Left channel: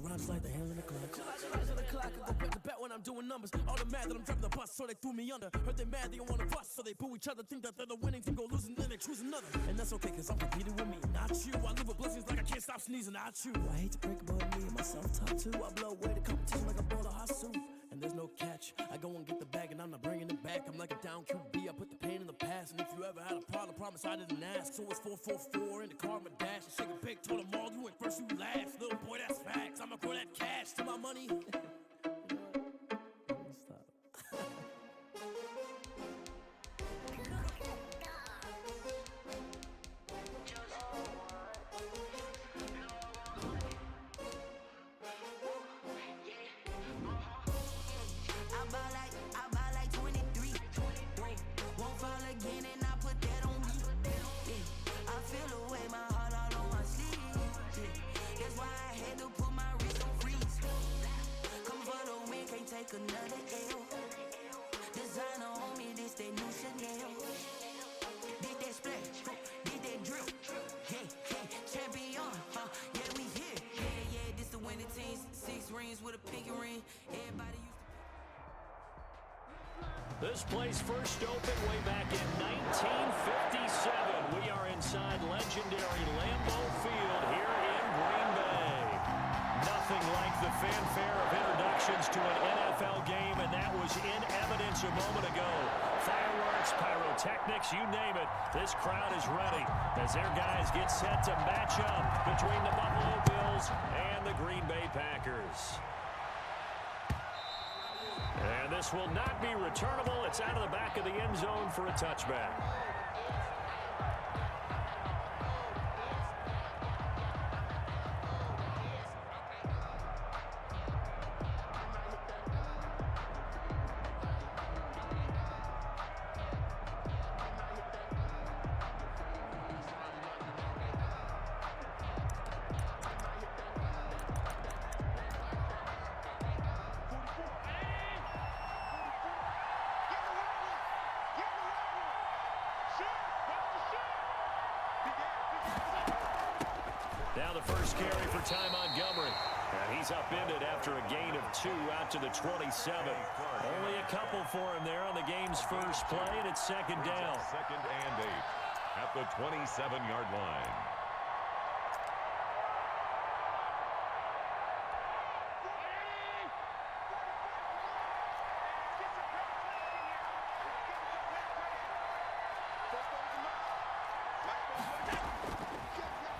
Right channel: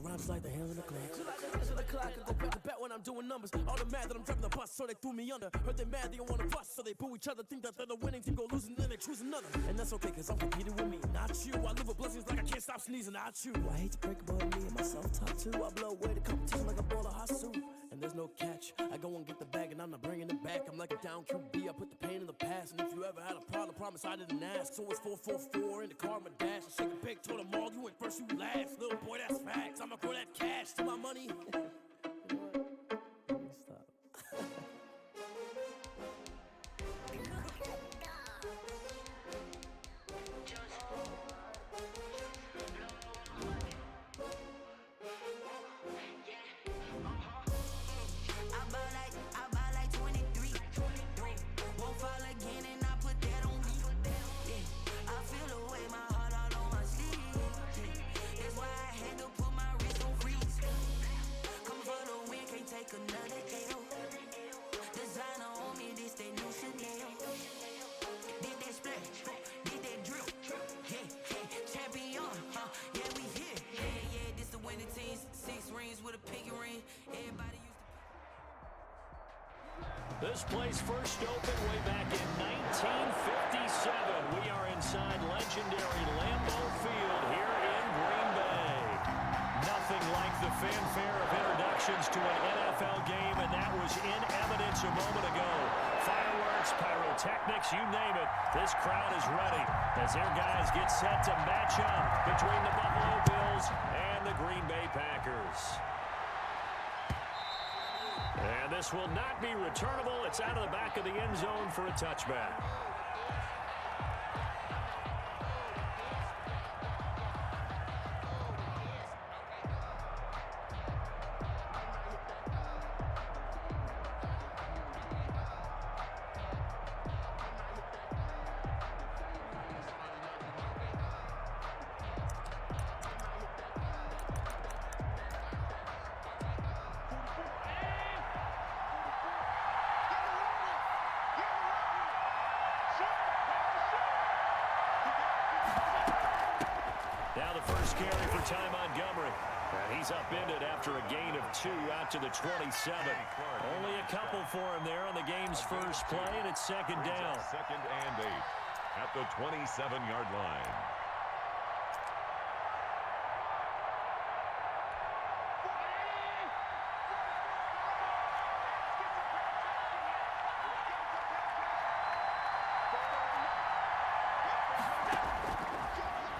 Rhymes like the hands on the clock. Just like the hands on the clock, I go back to back when I'm doing numbers. All the mad that I'm driving the bus, so they threw me under. Heard they mad, they don't wanna fuss, so they boo each other. Think that they're the winning team, go losing, then they choose another. And that's okay, cause I'm competing with me, not you. I live with blessings like I can't stop sneezing, not you. I hate to break it, but me and my self-talk too. I blow away the competition like a bowl of hot soup. And there's no catch, I go and get the bag and I'm not bringing it back. I'm like a down QB, I put the pain in the past. And if you ever had a problem, promise I didn't ask. So it's 4-4-4 in the car, my dash. I shake it big, told them all, you went first, you last. Little boy, that's facts, I'ma grow that cash to my money. You know what? Let me stop. I buy like 23. Won't fall again and I put that on me. Yeah, I feel away, my heart all on my sleeve. Yeah, that's why I had to put my wrist on freeze. Coming for the win, can't take another L. Designer on me, this that new Chanel. Did that splash, did that drill. Yeah, champion, yeah, we here. Yeah, this the winning team. 6 rings with a pinky ring. Everybody used to. This place first opened way back in 1957. We are inside legendary Lambeau Field here in Green Bay. Nothing like the fanfare of introductions to an NFL game, and that was in evidence a moment ago. Fireworks, pyrotechnics, you name it. This crowd is ready as their guys get set to match up between the Buffalo Bills and the Green Bay Packers. And this will not be returnable. It's out of the back of the end zone for a touchback. Now the first carry for Ty Montgomery. And he's upended after a gain of 2 out to the 27. Only a couple for him there on the game's first play, and it's second down. 2nd and 8 at the 27-yard line.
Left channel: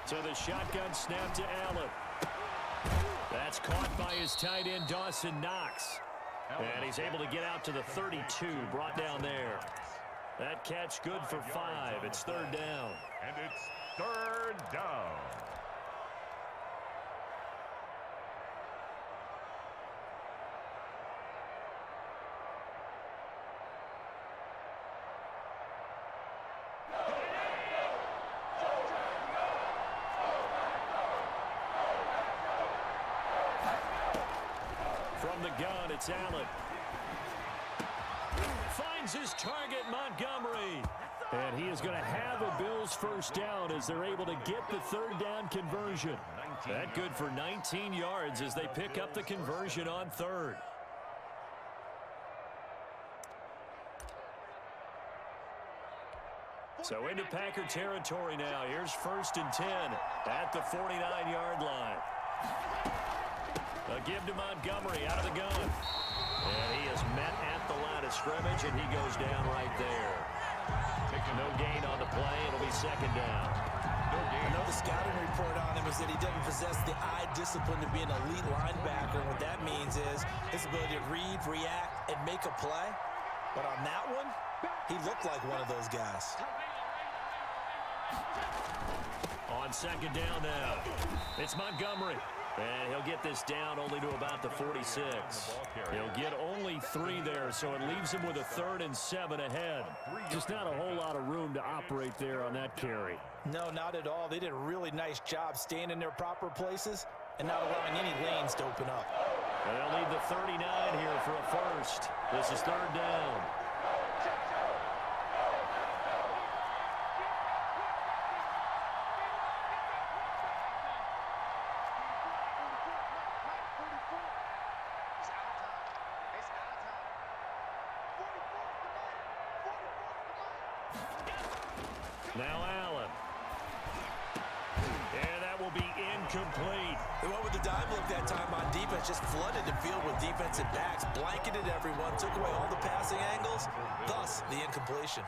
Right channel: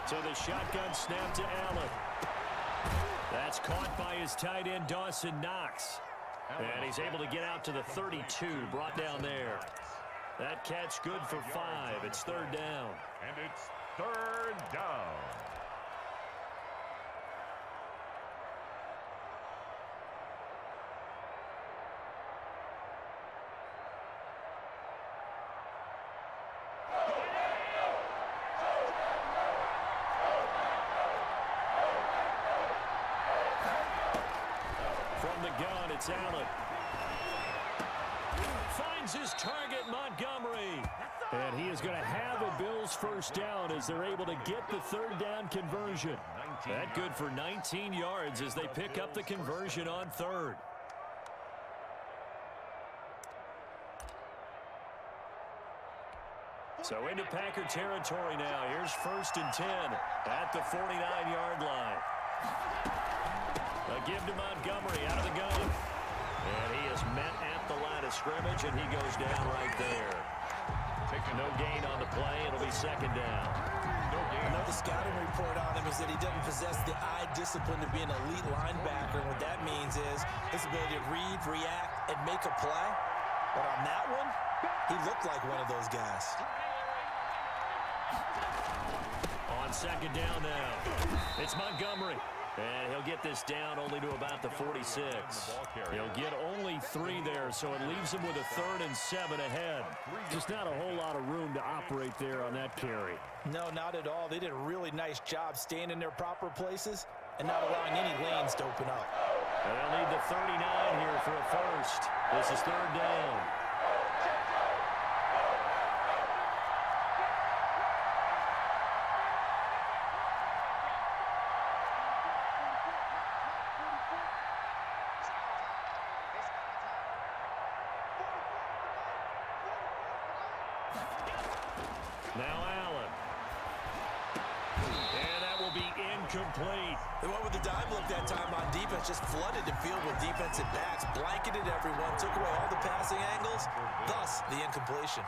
So the shotgun snap to Allen. That's caught by his tight end, Dawson Knox. And he's able to get out to the 32, brought down there. That catch good for 5. It's 3rd down. And it's 3rd down. From the gun, it's Allen. Finds his target, Montgomery. And he is going to have a Bills first down as they're able to get the 3rd down conversion. That good for 19 yards as they pick up the conversion on 3rd. So into Packer territory now. Here's 1st and 10 at the 49-yard line. A give to Montgomery out of the gun. And he is met at the line of scrimmage, and he goes down right there. Taking no gain on the play. It'll be 2nd down. No gain. I know the scouting report on him is that he doesn't possess the eye discipline to be an elite linebacker. And what that means is his ability to read, react, and make a play. But on that one, he looked like one of those guys. On 2nd down now, it's Montgomery. And he'll get this down only to about the 46. He'll get only 3 there, so it leaves him with a 3rd and 7 ahead. Just not a whole lot of room to operate there on that carry. No, not at all. They did a really nice job staying in their proper places and not allowing any lanes to open up. And they'll need the 39 here for a first. This is 3rd down. Now Allen. And that will be incomplete. They went with the dime look that time on defense, just flooded the field with defensive backs, blanketed everyone, took away all the passing angles, thus the incompletion.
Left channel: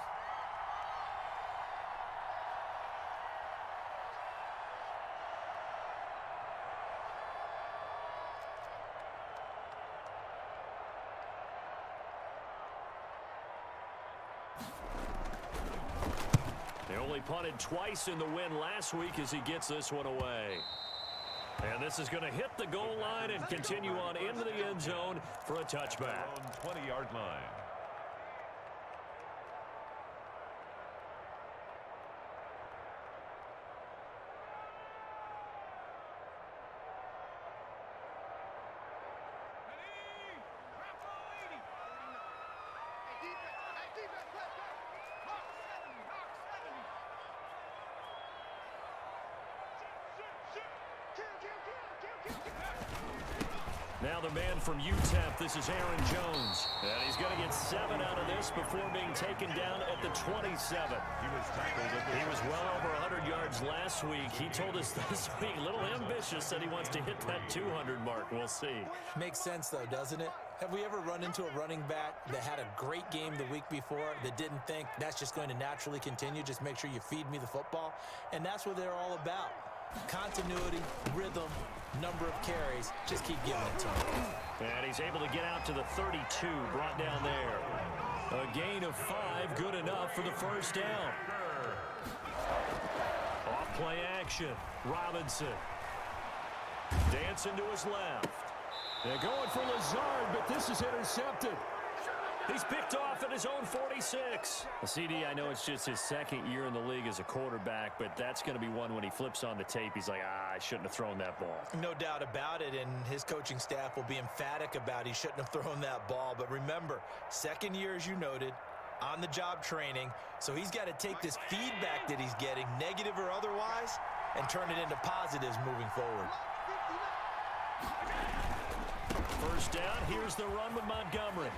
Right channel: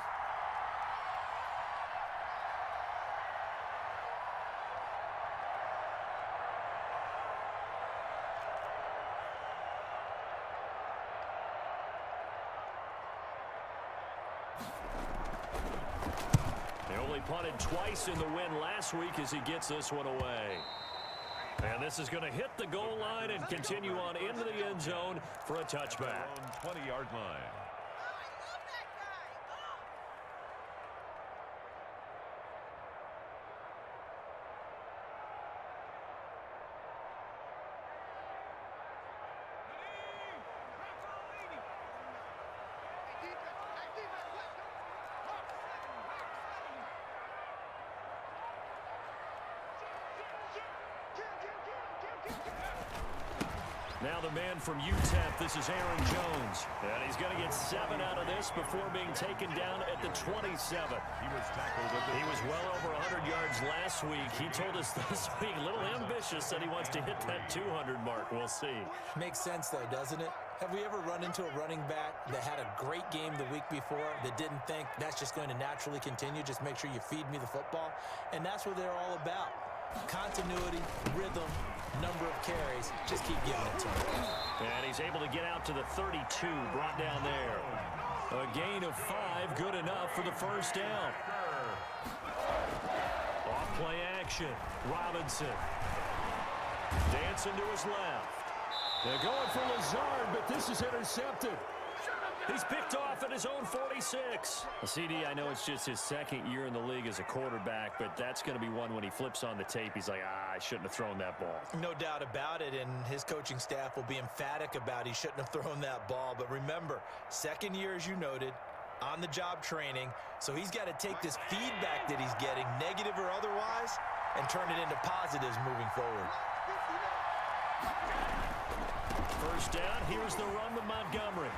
They only punted twice in the win last week as he gets this one away. And this is going to hit the goal line and continue on into the end zone for a touchback. 20-yard line. Now the man from UTEP, this is Aaron Jones. And he's going to get 7 out of this before being taken down at the 27. He was tackled at the He was well over 100 yards last week. He told us this week, a little ambitious, that he wants to hit that 200 mark. We'll see. Makes sense, though, doesn't it? Have we ever run into a running back that had a great game the week before that didn't think that's just going to naturally continue? Just make sure you feed me the football. And that's what they're all about. Continuity, rhythm, number of carries. Just keep giving it to him. And he's able to get out to the 32, brought down there. A gain of 5, good enough for the first down. Off play action. Robinson. Dancing to his left. They're going for Lazard, but this is intercepted. He's picked off at his own 46. Well, CD, I know it's just his second year in the league as a quarterback, but that's going to be one when he flips on the tape. He's like, I shouldn't have thrown that ball. No doubt about it, and his coaching staff will be emphatic about he shouldn't have thrown that ball. But remember, second year, as you noted, on-the-job training, so he's got to take this feedback that he's getting, negative or otherwise, and turn it into positives moving forward. First down, here's the run with Montgomery.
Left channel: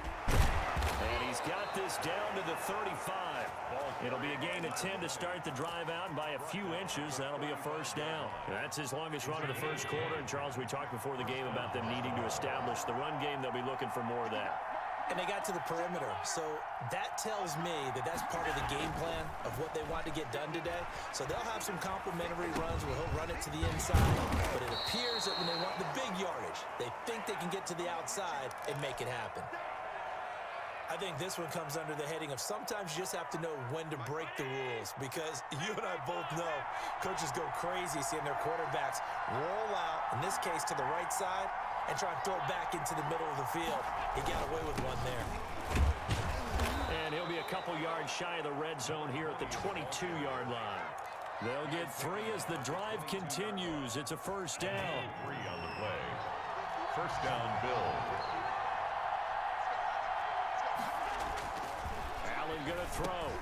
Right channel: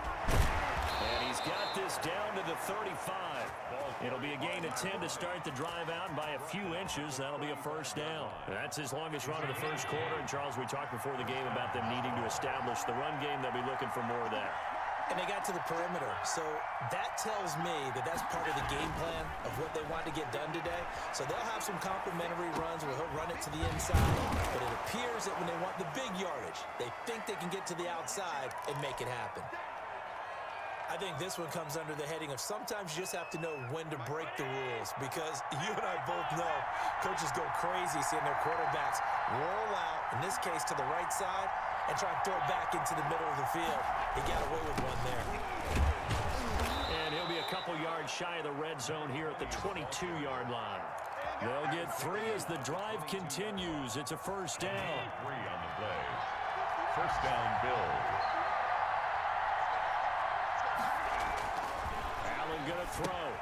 And he's got this down to the 35. It'll be a gain of 10 to start the drive out, and by a few inches, that'll be a first down. That's his longest run of the first quarter, and Charles, we talked before the game about them needing to establish the run game. They'll be looking for more of that. And they got to the perimeter, so that tells me that that's part of the game plan of what they want to get done today. So they'll have some complimentary runs where he'll run it to the inside, but it appears that when they want the big yardage, they think they can get to the outside and make it happen. I think this one comes under the heading of sometimes you just have to know when to break the rules, because you and I both know coaches go crazy seeing their quarterbacks roll out, in this case to the right side, and try and throw it back into the middle of the field. He got away with one there. And he'll be a couple yards shy of the red zone here at the 22-yard line. They'll get 3 as the drive continues. It's a first down. 3 on the play. First down, Bills. Allen going to throw.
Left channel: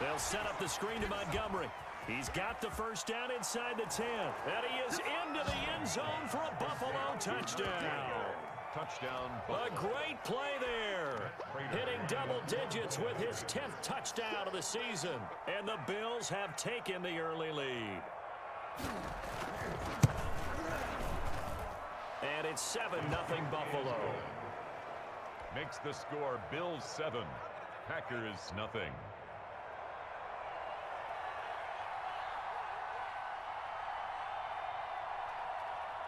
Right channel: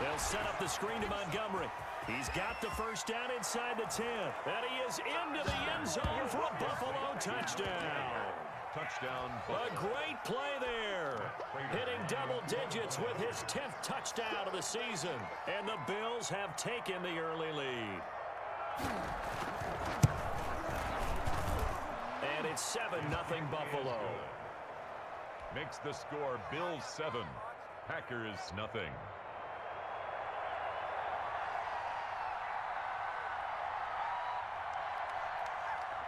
They'll set up the screen to Montgomery. He's got the first down inside the 10. And he is into the end zone for a Buffalo touchdown. Touchdown. A great play there. Hitting double digits with his 10th touchdown of the season. And the Bills have taken the early lead. And it's 7-0 Buffalo. Makes the score Bills 7, Packers nothing.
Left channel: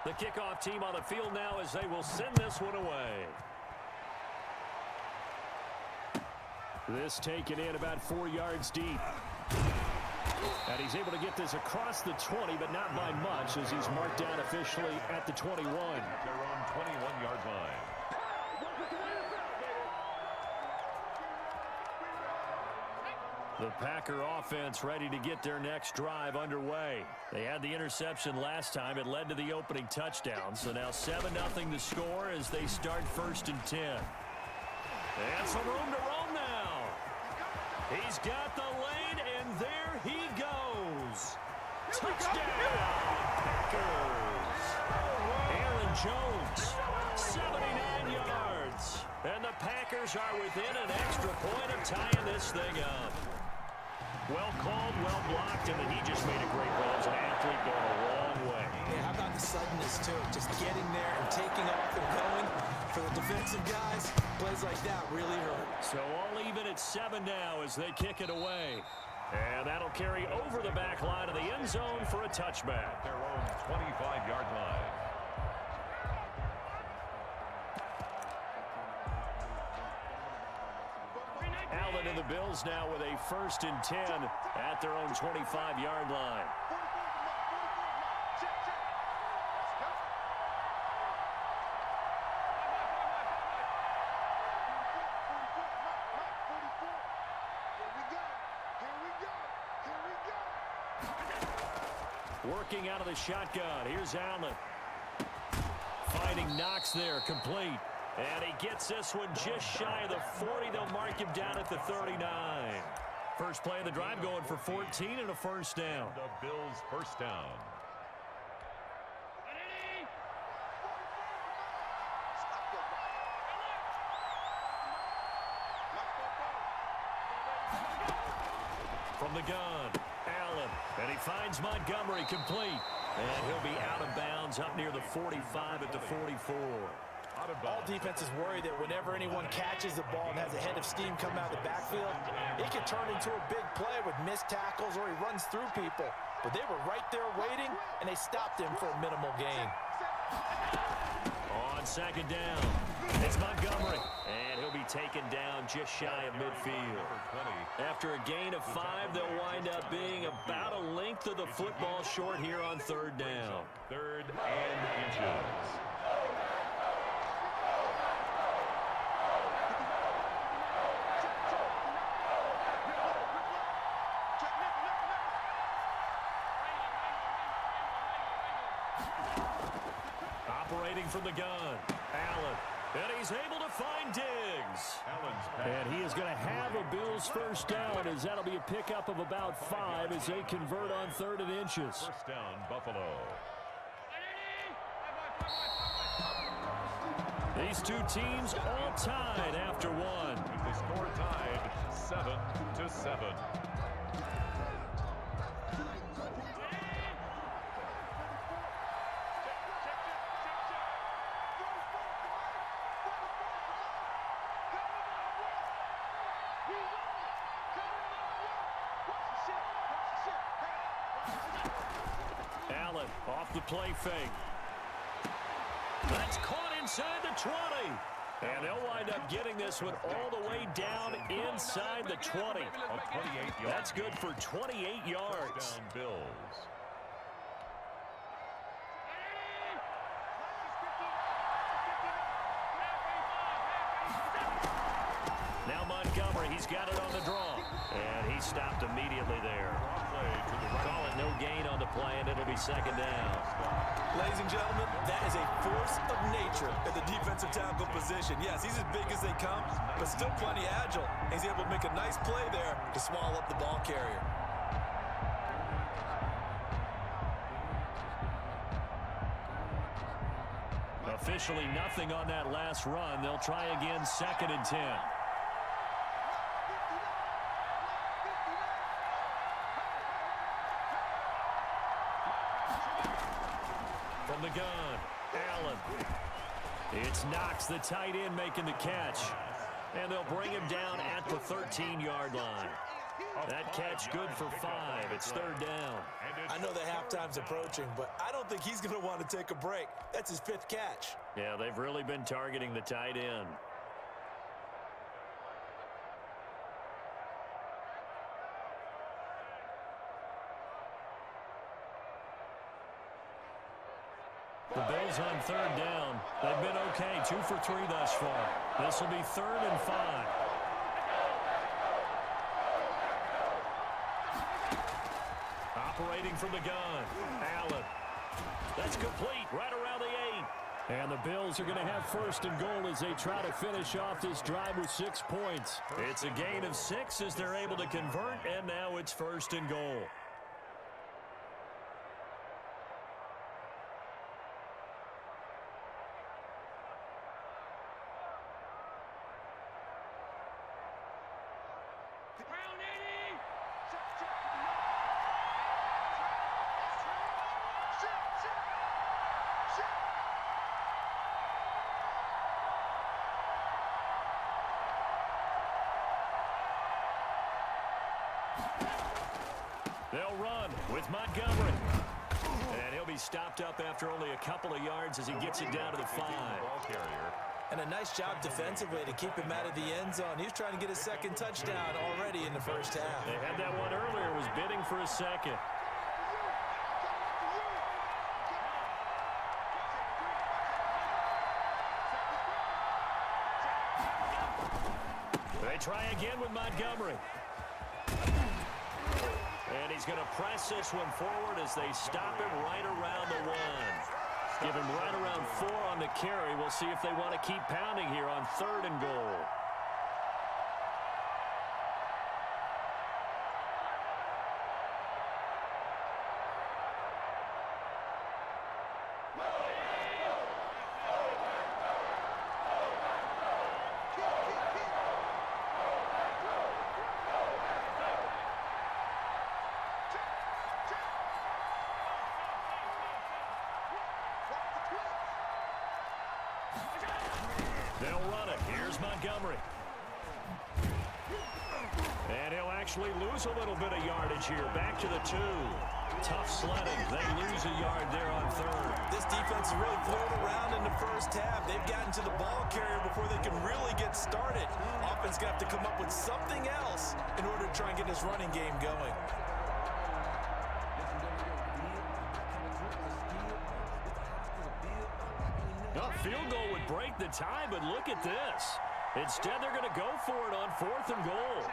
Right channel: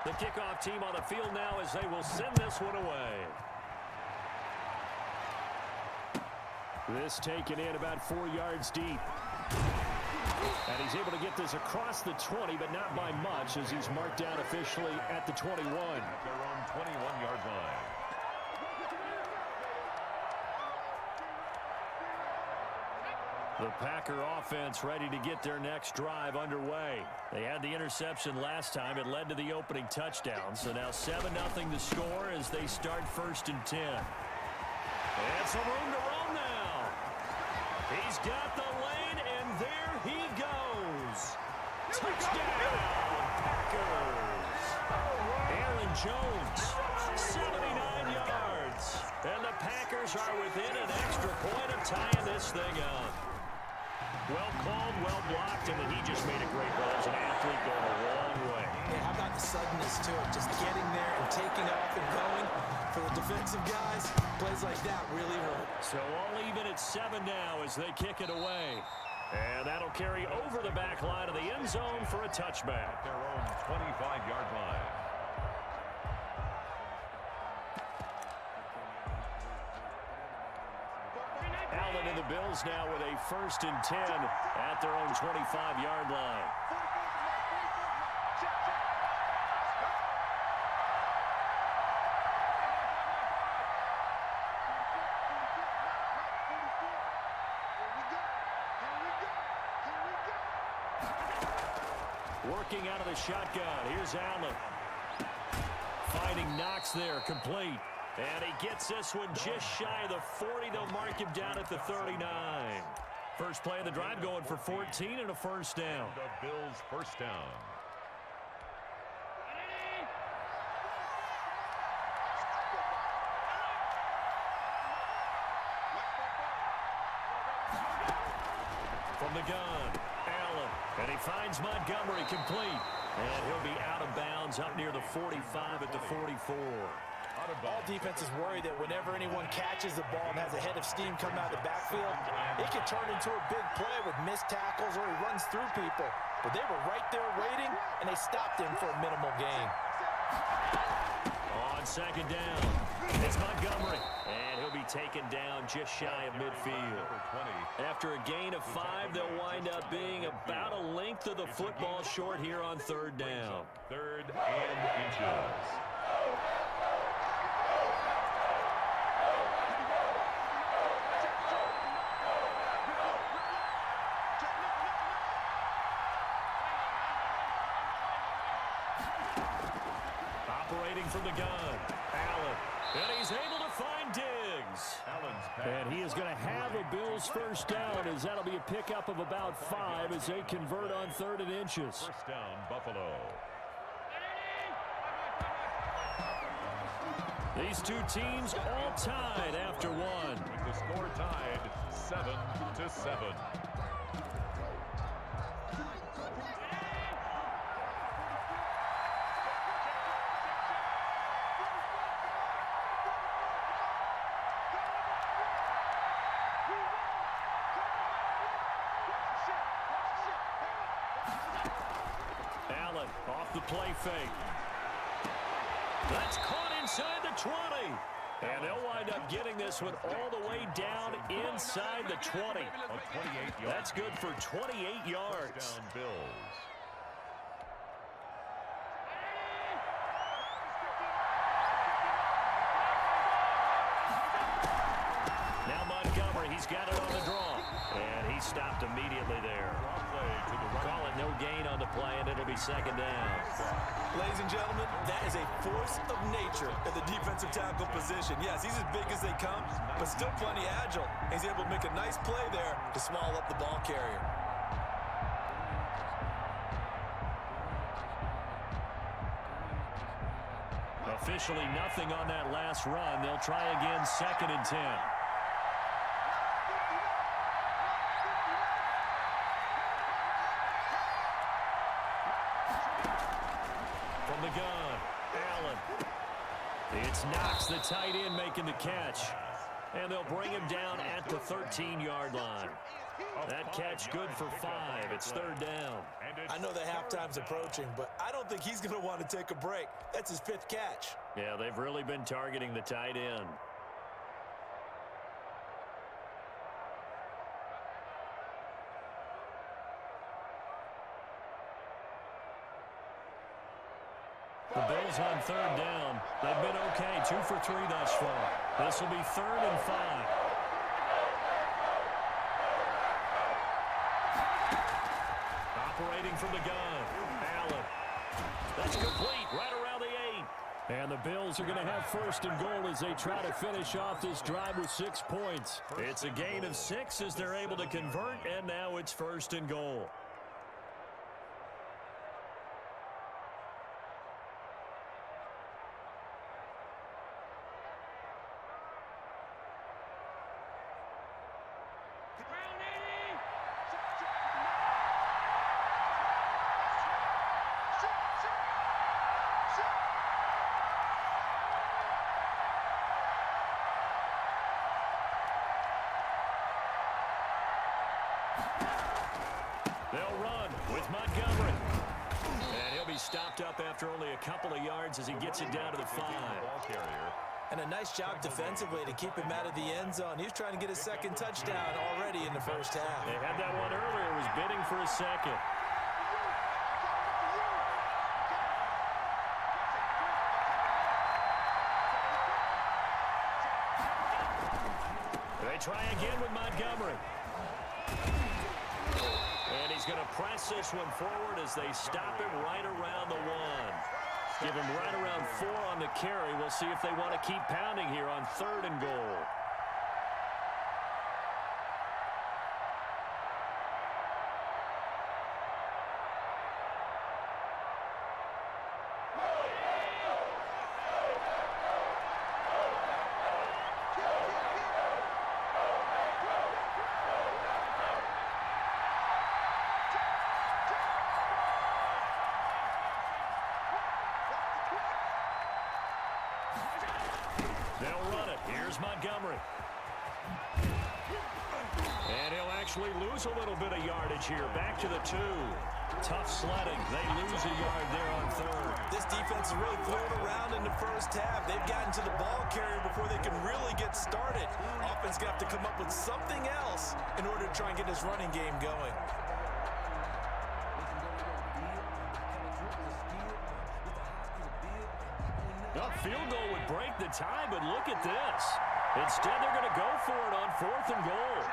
The kickoff team on the field now as they will send this one away. This taken in about 4 yards deep. And he's able to get this across the 20, but not by much, as he's marked down officially at the 21. At their own 21-yard line. The Packer offense ready to get their next drive underway. They had the interception last time. It led to the opening touchdown. So now 7-0 the score as they start 1st and 10. And some room to roam now. He's got the lane, and there he goes. Touchdown, Packers. Aaron Jones, 79 yards. And the Packers are within an extra point of tying this thing up. Well called, well blocked, and then he just made a great play. There's an athlete going a long way. Yeah, how about the suddenness, too? Just getting there and taking off and going. For the defensive guys, plays like that really hurt. So all even at 7 now as they kick it away. And that'll carry over the back line of the end zone for a touchback. Their own 25-yard line. Allen and the Bills now with a 1st and 10 at their own 25-yard line. Working out of the shotgun. Here's Allen. Finding Knox there, complete. And he gets this one just shy of the 40. They'll mark him down at the 39. First play of the drive going for 14 and a first down. And the Bills' first down. From the gun, Allen. And he finds Montgomery, complete. And he'll be out of bounds up near the 45 at the 44. All defenses worry that whenever anyone catches the ball and has a head of steam coming out of the backfield, it can turn into a big play with missed tackles or he runs through people. But they were right there waiting, and they stopped him for a minimal gain. On 2nd down, it's Montgomery. And he'll be taken down just shy of midfield. After a gain of 5, they'll wind up being about a length of the football short here on 3rd down. 3rd and inches. Operating from the gun, Allen. And he's able to find Diggs. And he is going to have a Bills first down as that'll be a pickup of about 5 as they convert on 3rd and inches. First down, Buffalo. These two teams all tied after 1. With the score tied 7-7. Allen off the play fake. That's caught inside the 20. And they'll wind up getting this one all the way down inside the 20. That's good for 28 yards. First down, Bills. Now Montgomery, he's got it on the draw. And he stopped immediately there. Call it no gain on the play, and it'll be 2nd down. Ladies and gentlemen, that is a force of nature at the defensive tackle position. Yes, he's as big as they come, but still plenty agile. He's able to make a nice play there to swallow up the ball carrier. Officially nothing on that last run. They'll try again, 2nd and 10. From the gun, Allen. It's Knox, the tight end, making the catch. And they'll bring him down at the 13-yard line. That catch good for 5. It's 3rd down. I know the halftime's approaching, but I don't think he's going to want to take a break. That's his 5th catch. Yeah, they've really been targeting the tight end. The Bills on 3rd down. They've been okay, 2 for 3 thus far. This will be 3rd and 5. Operating from the gun, Allen. That's complete, right around the 8. And the Bills are going to have 1st and goal as they try to finish off this drive with 6 points. It's a gain of 6 as they're able to convert, and now it's 1st and goal. They'll run with Montgomery. And he'll be stopped up after only a couple of yards as he gets it down to the 5. And a nice job defensively to keep him out of the end zone. He's trying to get his second touchdown already in the first half. They had that one earlier, was bidding for a second. They try again with Montgomery. And he's going to press this one forward as they stop him right around the 1. Give him right around 4 on the carry. We'll see if they want to keep pounding here on 3rd and goal. They'll run it. Here's Montgomery. And he'll actually lose a little bit of yardage here. Back to the 2. Tough sledding. They lose a yard there on 3rd. This defense has really flown around in the first half. They've gotten to the ball carrier before they can really get started. Offense going to have to come up with something else in order to try and get this running game going. A field goal would break the tie, but look at this. Instead, they're going to go for it on 4th and goal.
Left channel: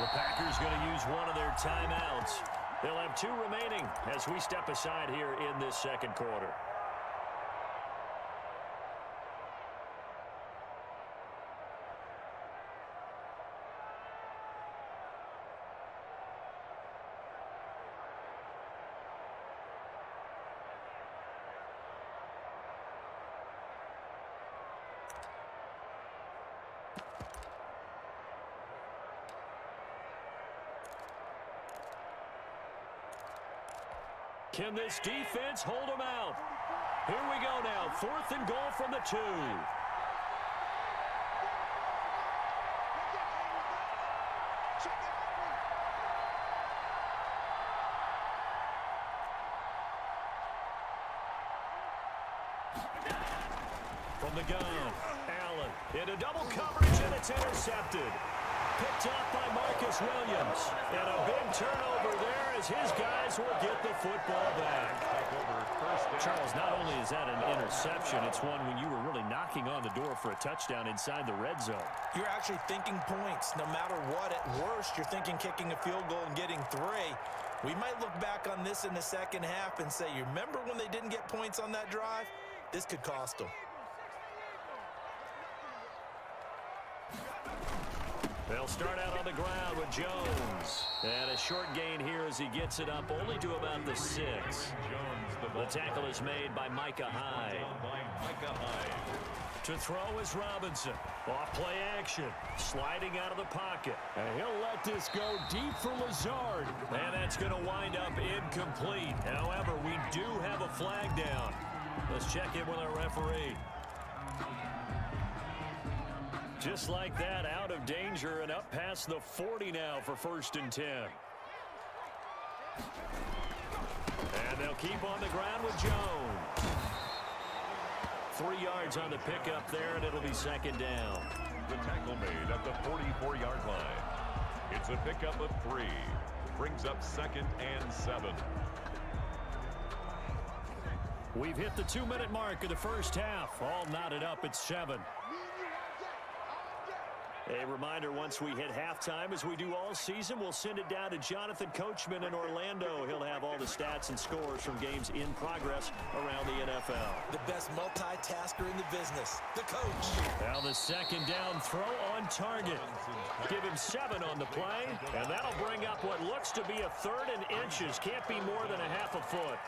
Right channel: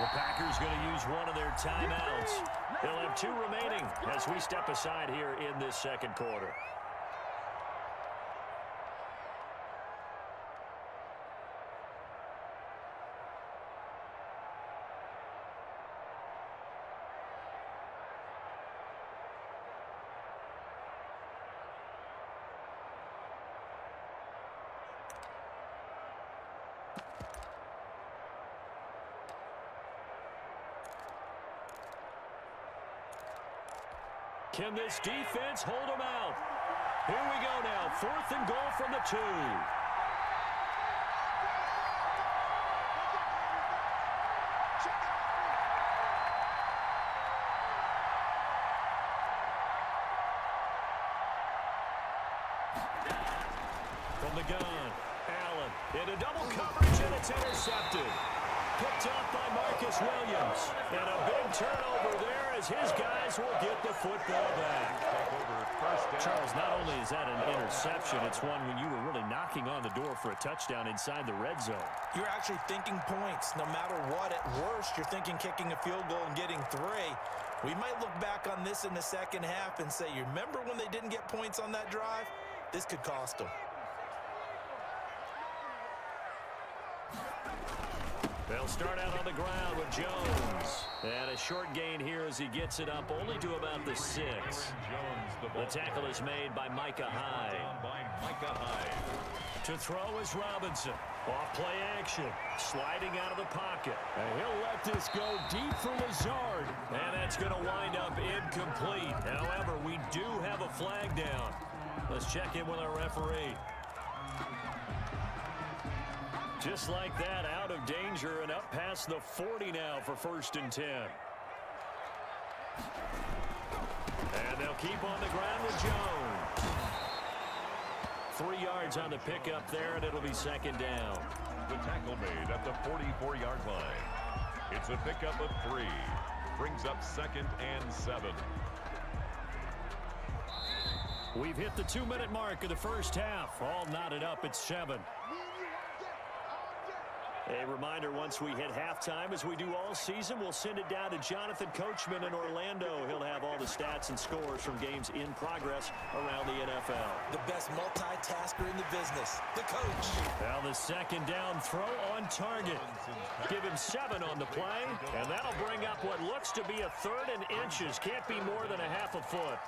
The Packers going to use one of their timeouts. They'll have 2 remaining as we step aside here in this second quarter. Can this defense hold them out? Here we go now. 4th and goal from the 2. From the gun, Allen into double coverage, and it's intercepted. Picked off by Marcus Williams. And a big turnover there as his guys will get the football back. Charles, not only is that an interception, it's one when you were really knocking on the door for a touchdown inside the red zone. You're actually thinking points no matter what. At worst, you're thinking kicking a field goal and getting 3. We might look back on this in the second half and say, you remember when they didn't get points on that drive? This could cost them. They'll start out on the ground with Jones. And a short gain here as he gets it up only to about the 6. The tackle is made by Micah Hyde. To throw is Robinson. Off play action. Sliding out of the pocket. And he'll let this go deep for Lazard. And that's going to wind up incomplete. However, we do have a flag down. Let's check in with our referee. Just like that, out of danger and up past the 40 now for 1st and 10. And they'll keep on the ground with Jones. 3 yards on the pickup there, and it'll be 2nd down. The tackle made at the 44-yard line. It's a pickup of 3. Brings up 2nd and 7. We've hit the 2-minute mark of the first half. All knotted up at 7. A reminder, once we hit halftime, as we do all season, we'll send it down to Jonathan Coachman in Orlando. He'll have all the stats and scores from games in progress around the NFL. The best multitasker in the business, the coach. Now the 2nd down throw on target. Give him 7 on the play, and that'll bring up what looks to be a 3rd and inches. Can't be more than a half a foot.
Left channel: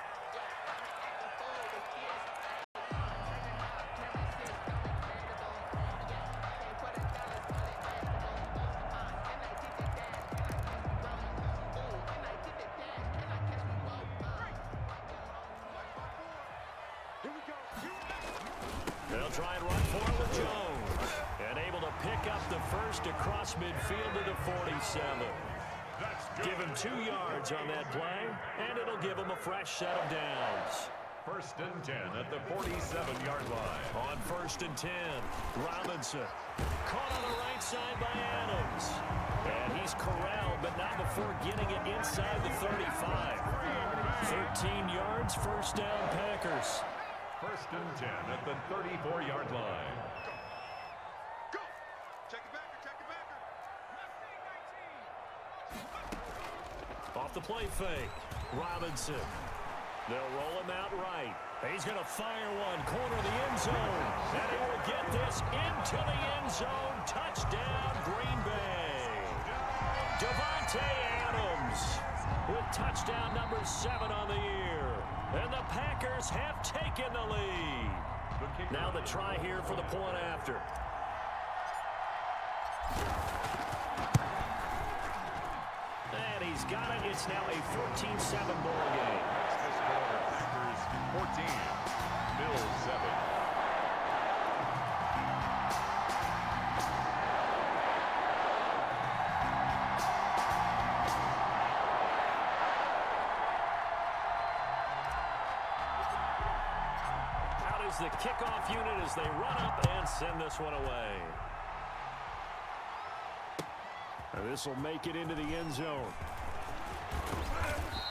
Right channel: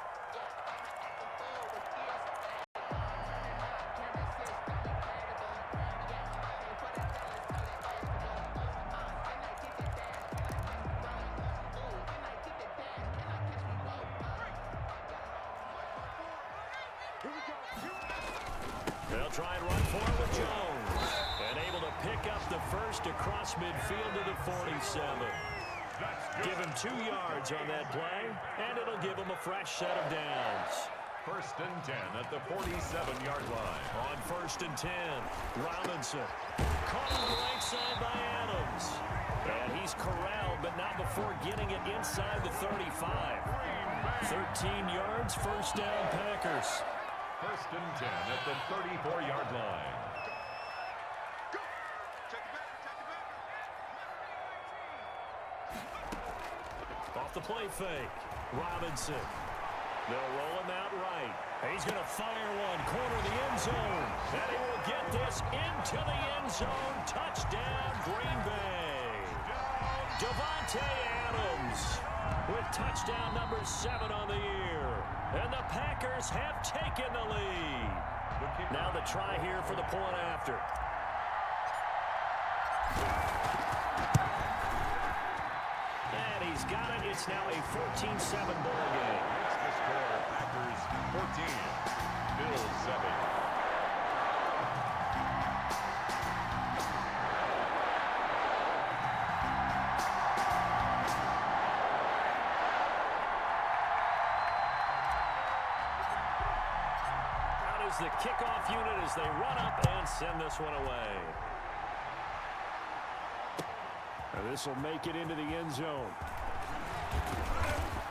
They'll try and run for it with Jones. And able to pick up the first across midfield to the 47. Give him 2 yards on that play, and it'll give him a fresh set of downs. 1st and 10 at the 47-yard line. On 1st and 10, Robinson. Caught on the right side by Adams. And he's corralled, but not before getting it inside the 35. 13 yards, first down, Packers. 1st and 10 at the 34-yard line. Go! Check it backer. Off the play fake, Robinson. They'll roll him out right. He's going to fire one, corner of the end zone. And he will get this into the end zone. Touchdown, Green Bay. Davante Adams with touchdown number 7 on the year. And the Packers have taken the lead. Now the try here for the point after. And he's got it. It's now a 14-7 ball game. That's the score. Packers 14, Bills 7. Out is the kickoff unit as they run up and send this one away. This will make it into the end zone.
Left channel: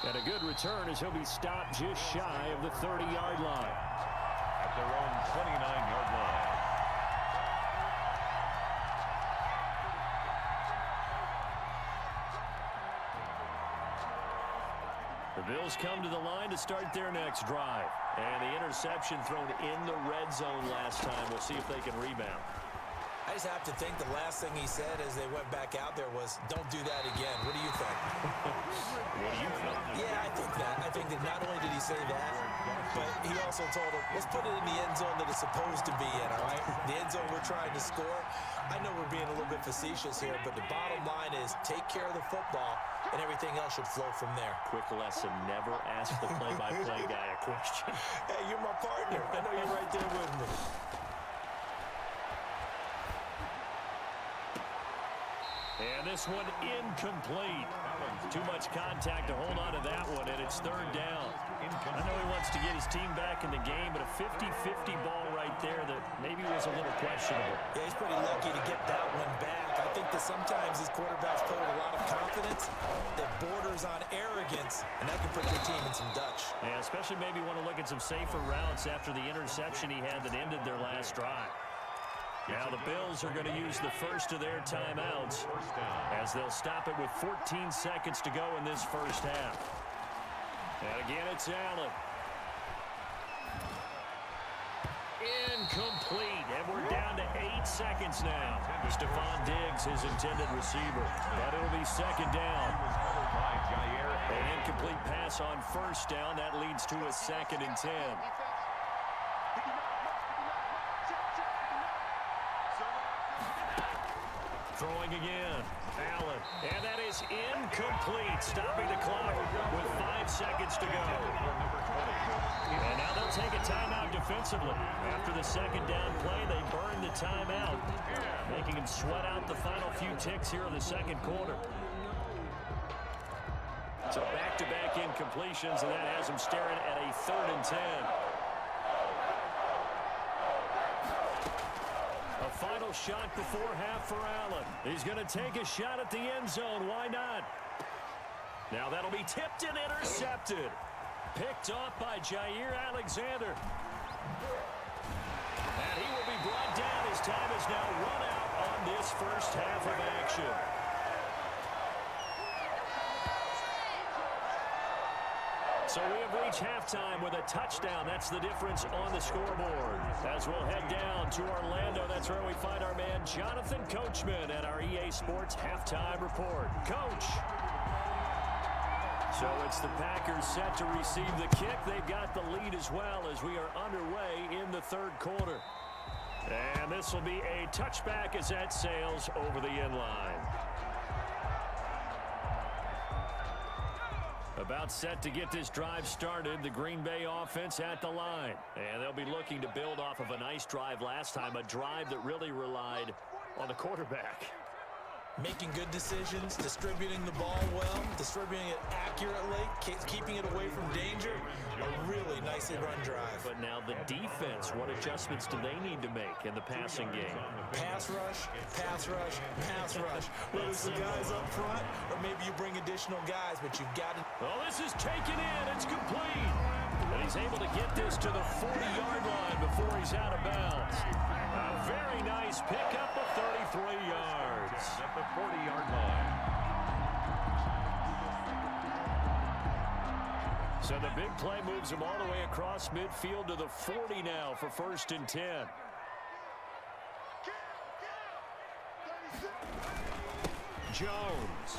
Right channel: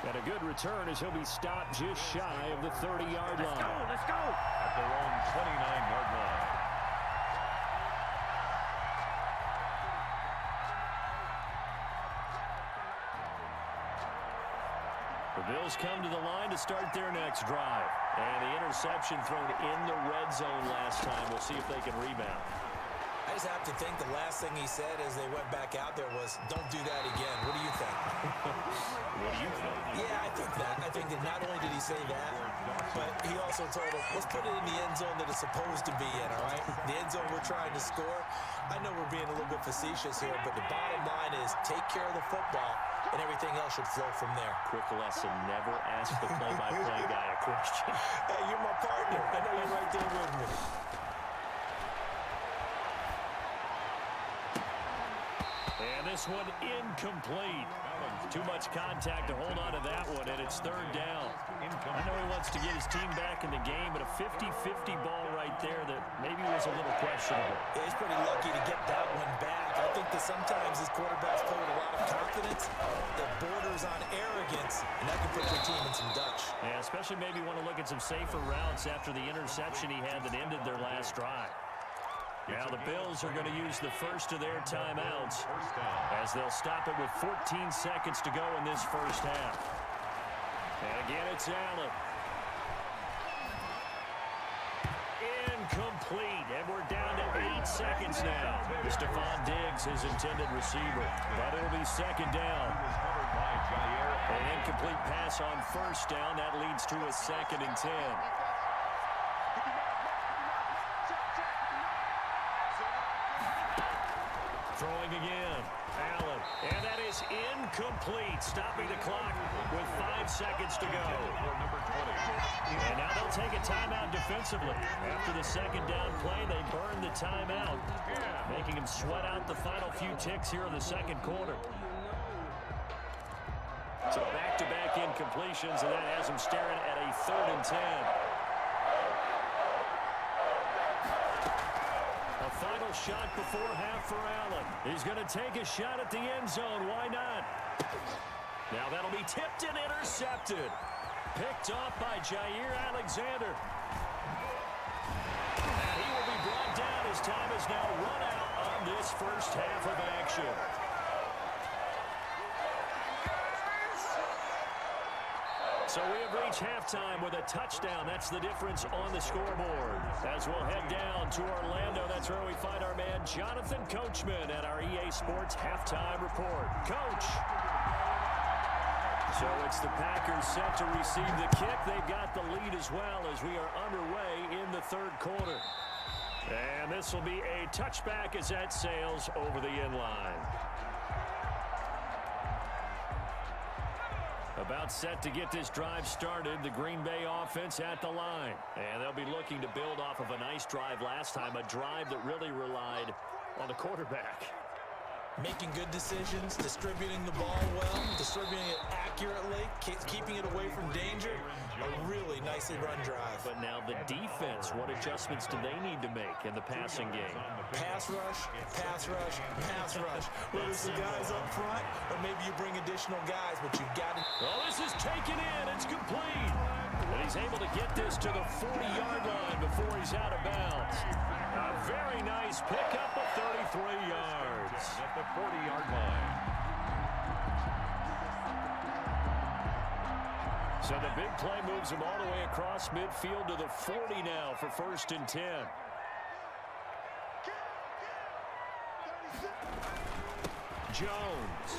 And a good return as he'll be stopped just shy of the 30-yard line. At their own 29-yard line. The Bills come to the line to start their next drive. And the interception thrown in the red zone last time. We'll see if they can rebound. I just have to think the last thing he said as they went back out there was, don't do that again. What do you think? What do you think? Yeah, I think that. I think that not only did he say that, but he also told him, let's put it in the end zone that it's supposed to be in, all right? The end zone we're trying to score. I know we're being a little bit facetious here, but the bottom line is take care of the football, and everything else should flow from there. Quick lesson, never ask the play-by-play guy a question. Hey, you're my partner. I know you're right there with me. And this one incomplete. Too much contact to hold on to that one, and it's 3rd down. I know he wants to get his team back in the game, but a 50-50 ball right there that maybe was a little questionable. Yeah, he's pretty lucky to get that one back. I think that sometimes these quarterbacks play with a lot of confidence that borders on arrogance, and that can put your team in some Dutch. Yeah, especially maybe want to look at some safer routes after the interception he had that ended their last drive. Now the Bills are going to use the first of their timeouts as they'll stop it with 14 seconds to go in this first half. And again, it's Allen. Incomplete, and we're down to 8 seconds now. Stephon Diggs, his intended receiver, but it'll be 2nd down. An incomplete pass on 1st down. That leads to a 2nd and 10. Throwing again, Allen, and that is incomplete, stopping the clock with 5 seconds to go. And now they'll take a timeout defensively. After the 2nd down play, they burn the timeout, making them sweat out the final few ticks here in the 2nd quarter. So back-to-back incompletions, and that has them staring at a 3rd and 10. A final shot before half for Allen. He's going to take a shot at the end zone. Why not? Now that'll be tipped and intercepted. Picked off by Jair Alexander. And he will be brought down. His time is now run out on this first half of action. So we have reached halftime with a touchdown. That's the difference on the scoreboard. As we'll head down to Orlando, that's where we find our man Jonathan Coachman at our EA Sports Halftime Report. Coach. So it's the Packers set to receive the kick. They've got the lead as well as we are underway in the 3rd quarter. And this will be a touchback as that sails over the end line. About set to get this drive started. The Green Bay offense at the line. And they'll be looking to build off of a nice drive last time, a drive that really relied on the quarterback. Making good decisions, distributing the ball well, distributing it accurately, keeping it away from danger. A really nicely run drive. But now the defense, what adjustments do they need to make in the passing game? Pass rush, pass rush, pass rush. Whether it's the guys up front or maybe you bring additional guys, but you've got to... Oh, this is taken in. It's complete. And he's able to get this to the 40-yard line before he's out of bounds. A very nice pickup of 33 yards. At the 40-yard line. So the big play moves him all the way across midfield to the 40 now for 1st and 10. Jones.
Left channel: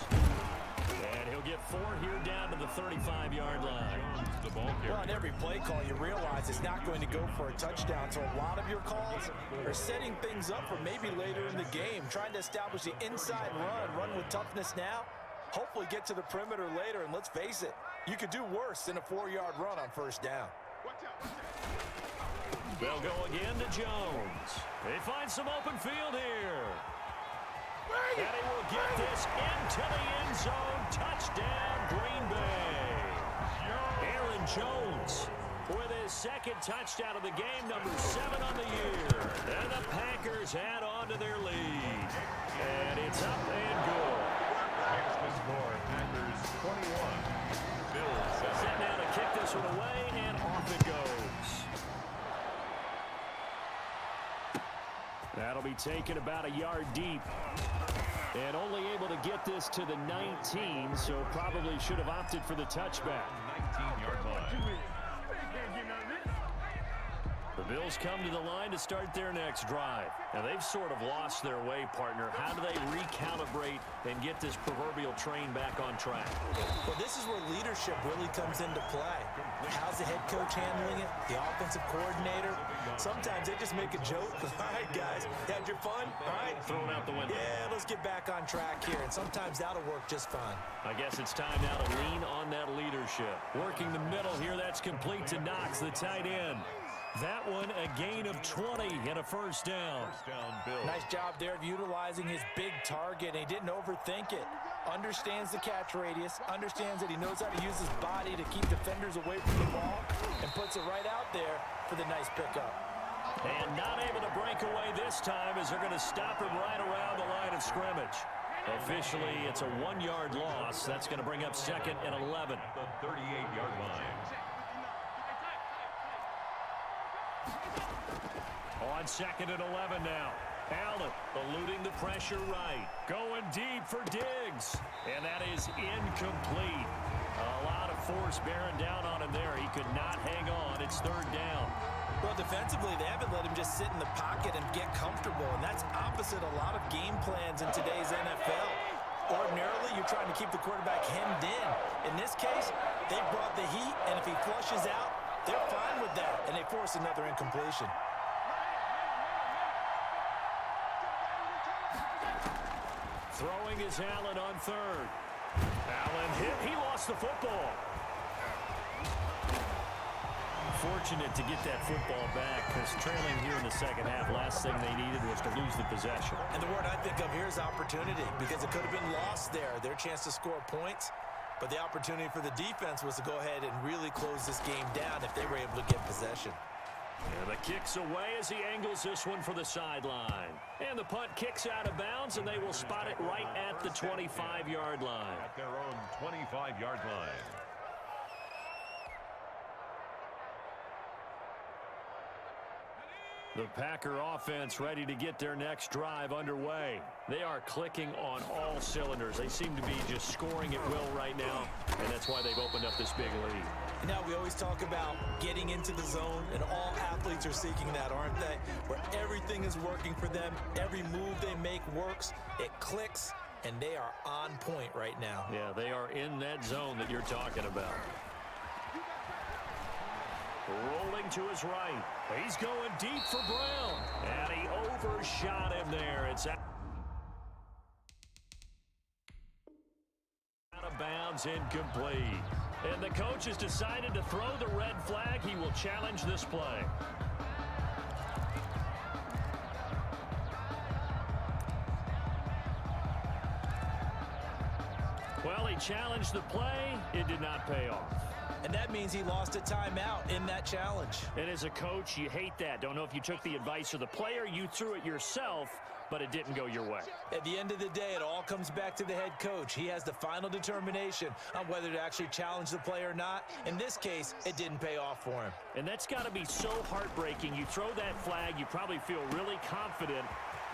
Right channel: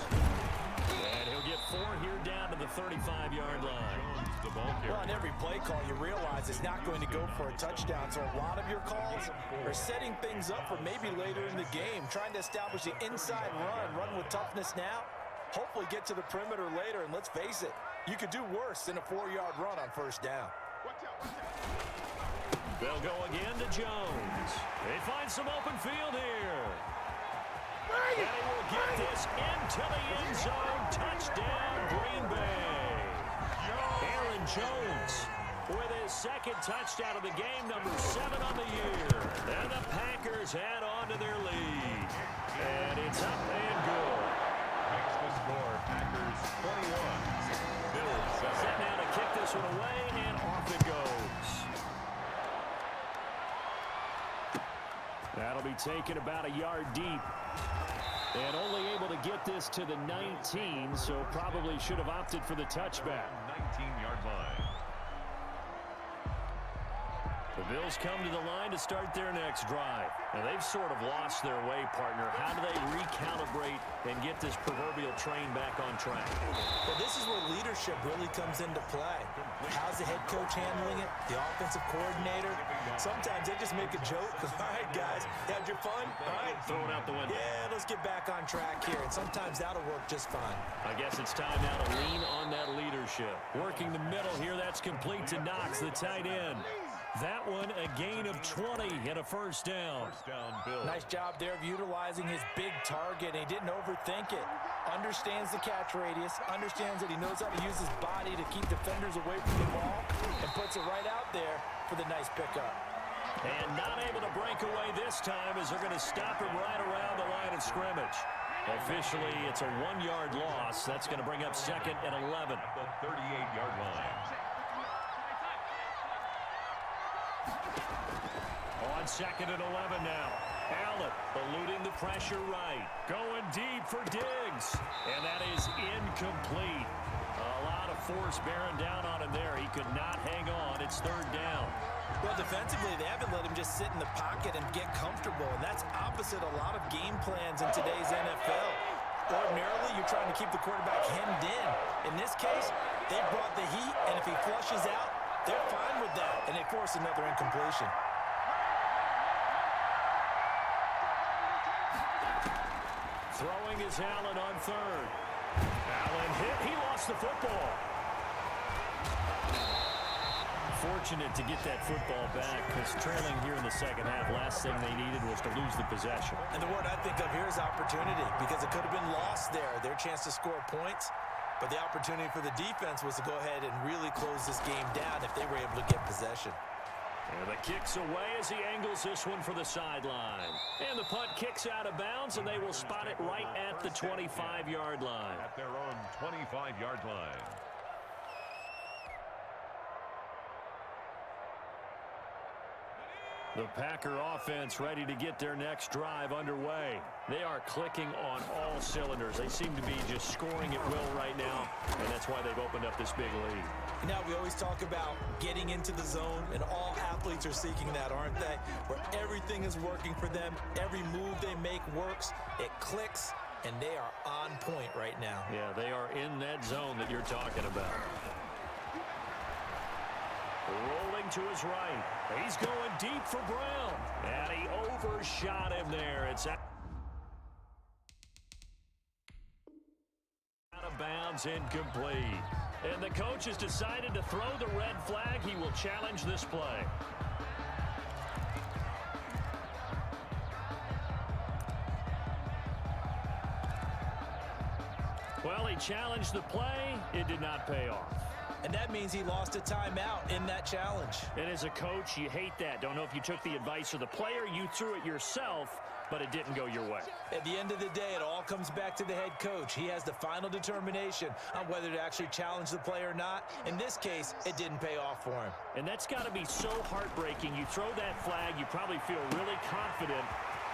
And he'll get 4 here down to the 35-yard line. The ball carrier. Well, on every play call, you realize it's not going to go for a touchdown. So a lot of your calls are setting things up for maybe later in the game, trying to establish the inside run with toughness now, hopefully get to the perimeter later. And let's face it, you could do worse than a 4-yard run on 1st down. They'll go again to Jones. They find some open field here. And he will get this into the end zone. Touchdown, Green Bay. Aaron Jones with his 2nd touchdown of the game, number 7 on the year. And the Packers add on to their lead. And it's up and good. Makes the score. Packers 21. Bills 7. Set now to kick this one away, and off it goes. That'll be taken about a yard deep. And only able to get this to the 19, so probably should have opted for the touchback. 19-yard line. The Bills come to the line to start their next drive. Now, they've sort of lost their way, partner. How do they recalibrate and get this proverbial train back on track? Well, this is where leadership really comes into play. How's the head coach handling it? The offensive coordinator? Sometimes they just make a joke. All right, guys, had your fun? All right. Throw it out the window. Yeah, let's get back on track here. And sometimes that'll work just fine. I guess it's time now to lean on that leadership. Working the middle here, that's complete to Knox, the tight end. That one, a gain of 20 and a 1st down. First down, Bills. Nice job there of utilizing his big target. He didn't overthink it. Understands the catch radius. Understands that he knows how to use his body to keep defenders away from the ball. And puts it right out there for the nice pickup. And not able to break away this time as they're going to stop him right around the line of scrimmage. Officially, it's a 1-yard loss. That's going to bring up 2nd and 11. At the 38-yard line. On 2nd and 11 now. Allen eluding the pressure right. Going deep for Diggs. And that is incomplete. A lot of force bearing down on him there. He could not hang on. It's 3rd down. Well, defensively, they haven't let him just sit in the pocket and get comfortable. And that's opposite a lot of game plans in today's NFL. Ordinarily, you're trying to keep the quarterback hemmed in. In this case, they brought the heat, and if he flushes out, they're fine with that, and they force another incompletion. Throwing is Allen on 3rd. Allen hit. He lost the football. Fortunate to get that football back because trailing here in the 2nd half, last thing they needed was to lose the possession. And the word I think of here is opportunity because it could have been lost there. Their chance to score points, but the opportunity for the defense was to go ahead and really close this game down if they were able to get possession. And the kick's away as he angles this one for the sideline. And the punt kicks out of bounds, and they will spot it right at the 25-yard line. At their own 25-yard line. The Packer offense ready to get their next drive underway. They are clicking on all cylinders. They seem to be just scoring at will right now, and that's why they've opened up this big lead. Now, we always talk about getting into the zone, and all athletes are seeking that, aren't they? Where everything is working for them. Every move they make works. It clicks, and they are on point right now. Yeah, they are in that zone that you're talking about. Rolling to his right. He's going deep for Brown. And he overshot him there. It's out of bounds, incomplete. And the coach has decided to throw the red flag. He will challenge this play. Well, he challenged the play. It did not pay off. And that means he lost a timeout in that challenge. And as a coach, you hate that. Don't know if you took the advice of the player. You threw it yourself, but it didn't go your way. At the end of the day, it all comes back to the head coach. He has the final determination on whether to actually challenge the play or not. In this case, it didn't pay off for him. And that's got to be so heartbreaking. You throw that flag, you probably feel really confident,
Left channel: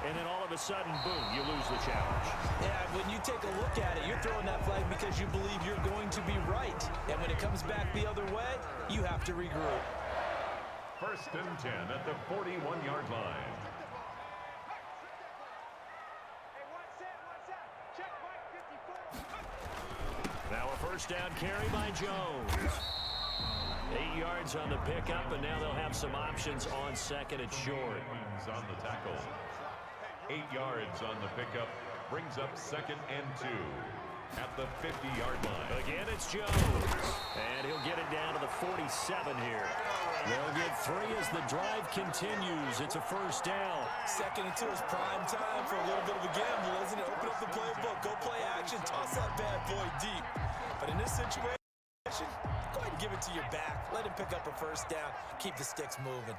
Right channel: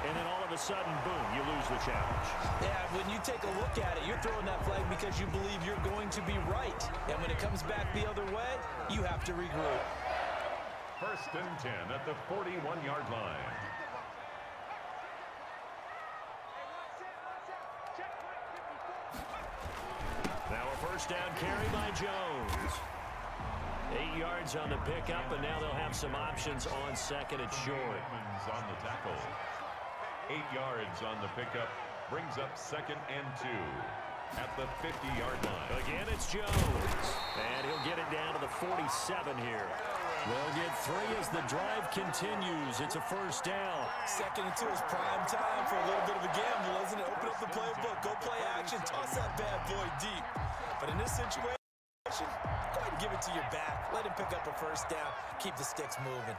and then all of a sudden, boom, you lose the challenge. Yeah, when you take a look at it, you're throwing that flag because you believe you're going to be right. And when it comes back the other way, you have to regroup. 1st and 10 at the 41-yard line. Now a first down carry by Jones. 8 yards on the pickup, and now they'll have some options on second and short. On the tackle. 8 yards on the pickup. Brings up 2nd and 2 at the 50-yard line. Again, it's Jones. And he'll get it down to the 47 here. They'll get 3 as the drive continues. It's a first down. 2nd and 2 is prime time for a little bit of a gamble, isn't it? Open up the playbook, go play action, toss that bad boy deep. But in this situation, go ahead and give it to your back. Let him pick up a first down. Keep the sticks moving.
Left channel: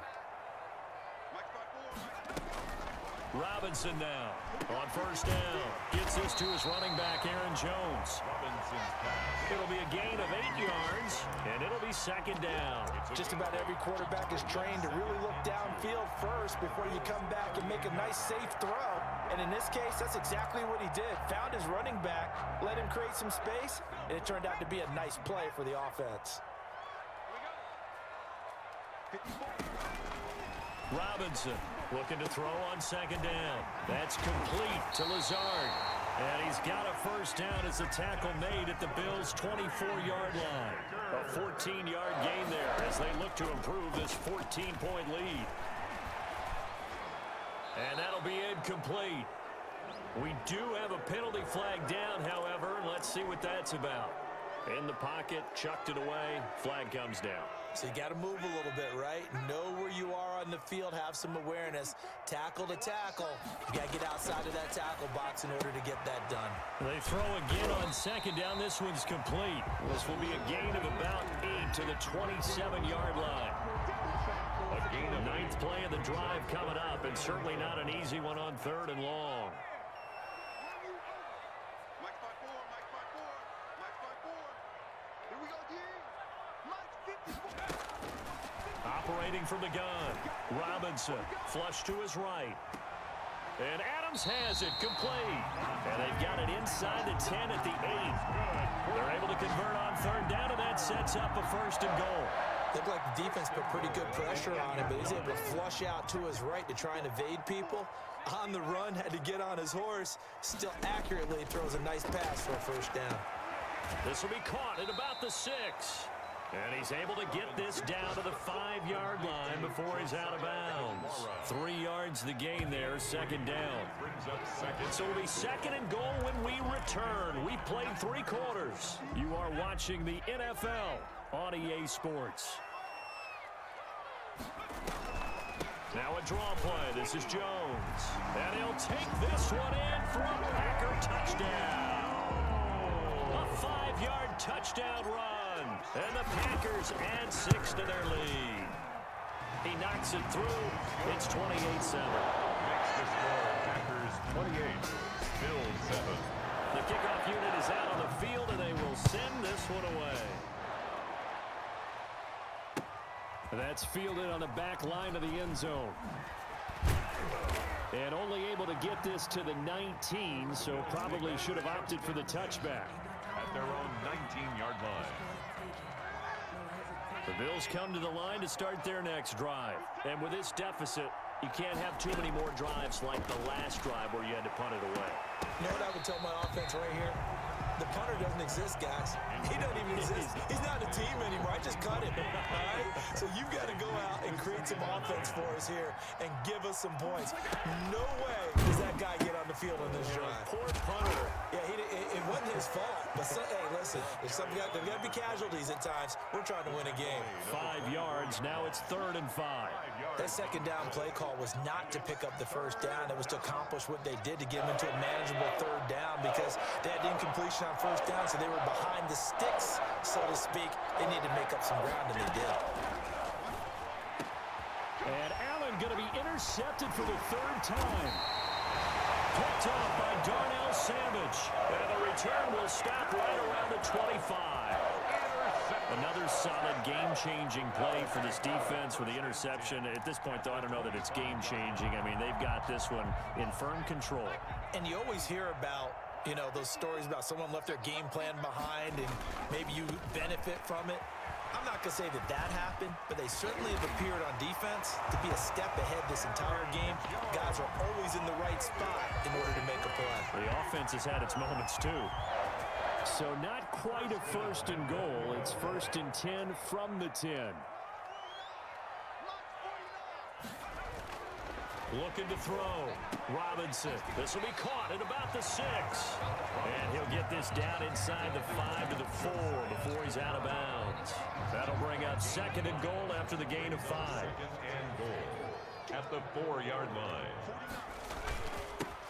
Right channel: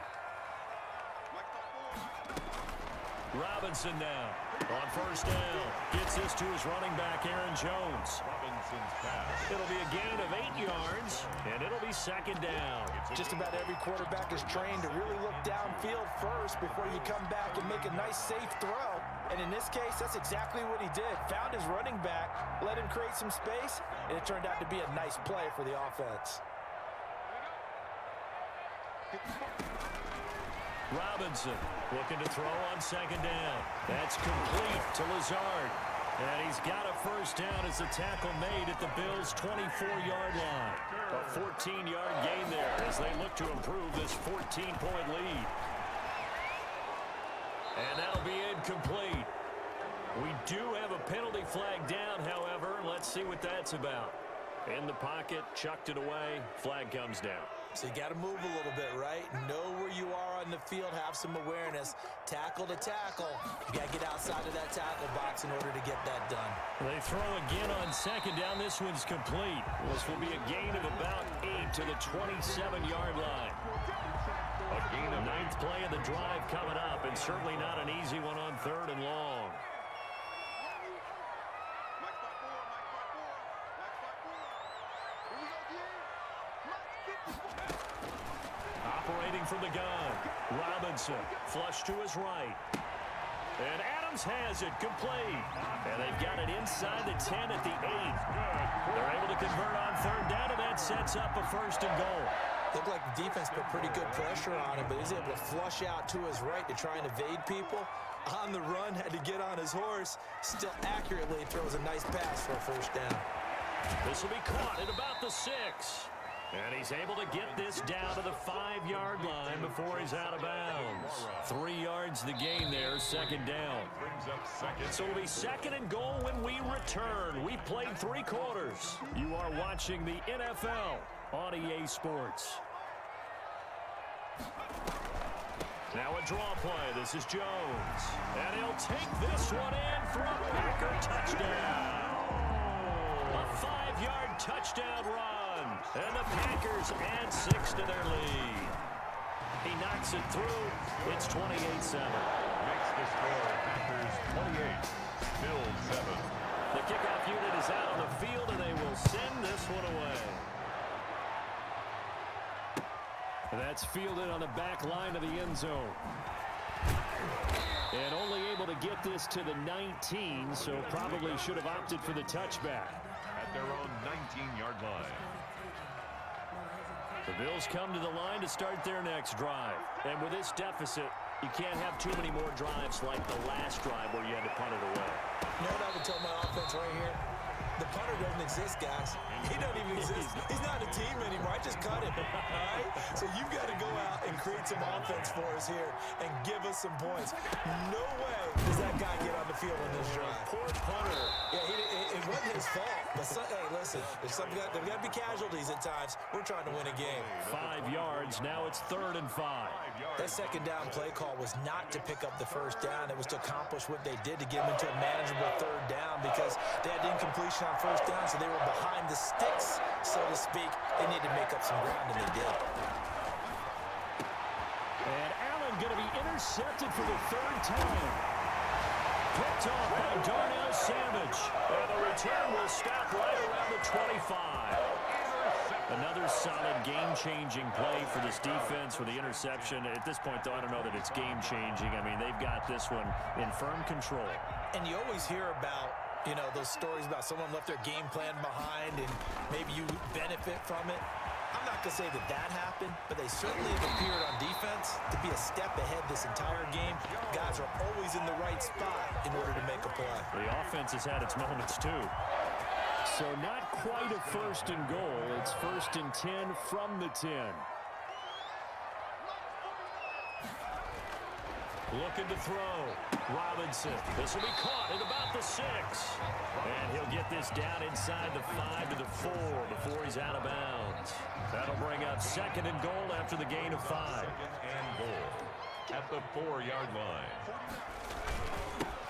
Robinson now on first down. Gets this to his running back, Aaron Jones. Robinson's pass. It'll be a gain of 8 yards, and it'll be 2nd down. Just about every quarterback is trained to really look downfield first before you come back and make a nice, safe throw. And in this case, that's exactly what he did. Found his running back, let him create some space, and it turned out to be a nice play for the offense. Robinson looking to throw on 2nd down. That's complete to Lazard. And he's got a first down as the tackle made at the Bills' 24-yard line. A 14-yard gain there as they look to improve this 14-point lead. And that'll be incomplete. We do have a penalty flag down, however, and let's see what that's about. In the pocket, chucked it away, flag comes down. So you got to move a little bit, right? Know where you are on the field, have some awareness. Tackle to tackle. You got to get outside of that tackle box in order to get that done. They throw again on 2nd down. This one's complete. This will be a gain of about 8 to the 27-yard line. A gain of 9th play of the drive coming up, and certainly not an easy one on 3rd and long. Operating from the gun, Robinson, flush to his right. And Adams has it, complete. And they've got it inside the 10 at the 8. They're able to convert on 3rd down, and that sets up a 1st and goal. Looked like the defense put pretty good pressure on him, but he's able to flush out to his right to try and evade people. On the run, had to get on his horse. Still accurately throws a nice pass for a first down. This will be caught at about the 6. And he's able to get this down to the 5-yard line before he's out of bounds. 3 yards the gain there, 2nd down. brings up 2nd. So it'll be 2nd and goal when we return. We played 3 quarters. You are watching the NFL on EA Sports. Now a draw play. This is Jones. And he'll take this one in for a Packer touchdown. A 5-yard touchdown run. And the Packers add 6 to their lead. He knocks it through. It's 28-7. Makes the score Packers 28, Bills 7. The kickoff unit is out on the field, and they will send this one away. That's fielded on the back line of the end zone. And only able to get this to the 19, so probably should have opted for the touchback. At their own 19-yard line. The Bills come to the line to start their next drive. And with this deficit, you can't have too many more drives like the last drive where you had to punt it away. You know what I would tell my offense right here? The punter doesn't exist, guys. He doesn't even exist. He's not a team anymore. I just cut him, all right? So you've got to go out and create some offense for us here and give us some points. No way does that guy get on the field on this drive. Poor punter. Yeah, if it wasn't his fault. But, hey, listen, there's got to be casualties at times. We're trying to win a game. 5 yards. Now it's 3rd and 5. That second down play call was not to pick up the first down. It was to accomplish what they did to get them into a manageable 3rd down because they had incompletion on first down, so they were behind the sticks, so to speak. They needed to make up some ground, and they did. And Allen going to be intercepted for the 3rd time. Picked off by Darnell Savage. And the return will stop right around the 25. Another solid game-changing play for this defense for the interception. At this point, though, I don't know that it's game-changing. I mean, they've got this one in firm control. And you always hear about, you know, those stories about someone left their game plan behind and maybe you benefit from it. I'm not going to say that that happened, but they certainly have appeared on defense to be a step ahead this entire game. Guys are always in the right spot in order to make a play. The offense has had its moments, too. So not quite a 1st and goal. It's 1st and 10 from the 10. Looking to throw. Robinson. This will be caught at about the 6. And he'll get this down inside the 5 to the 4 before he's out of bounds. That'll bring up 2nd and goal after the gain of 5. 2nd and goal at the 4-yard line.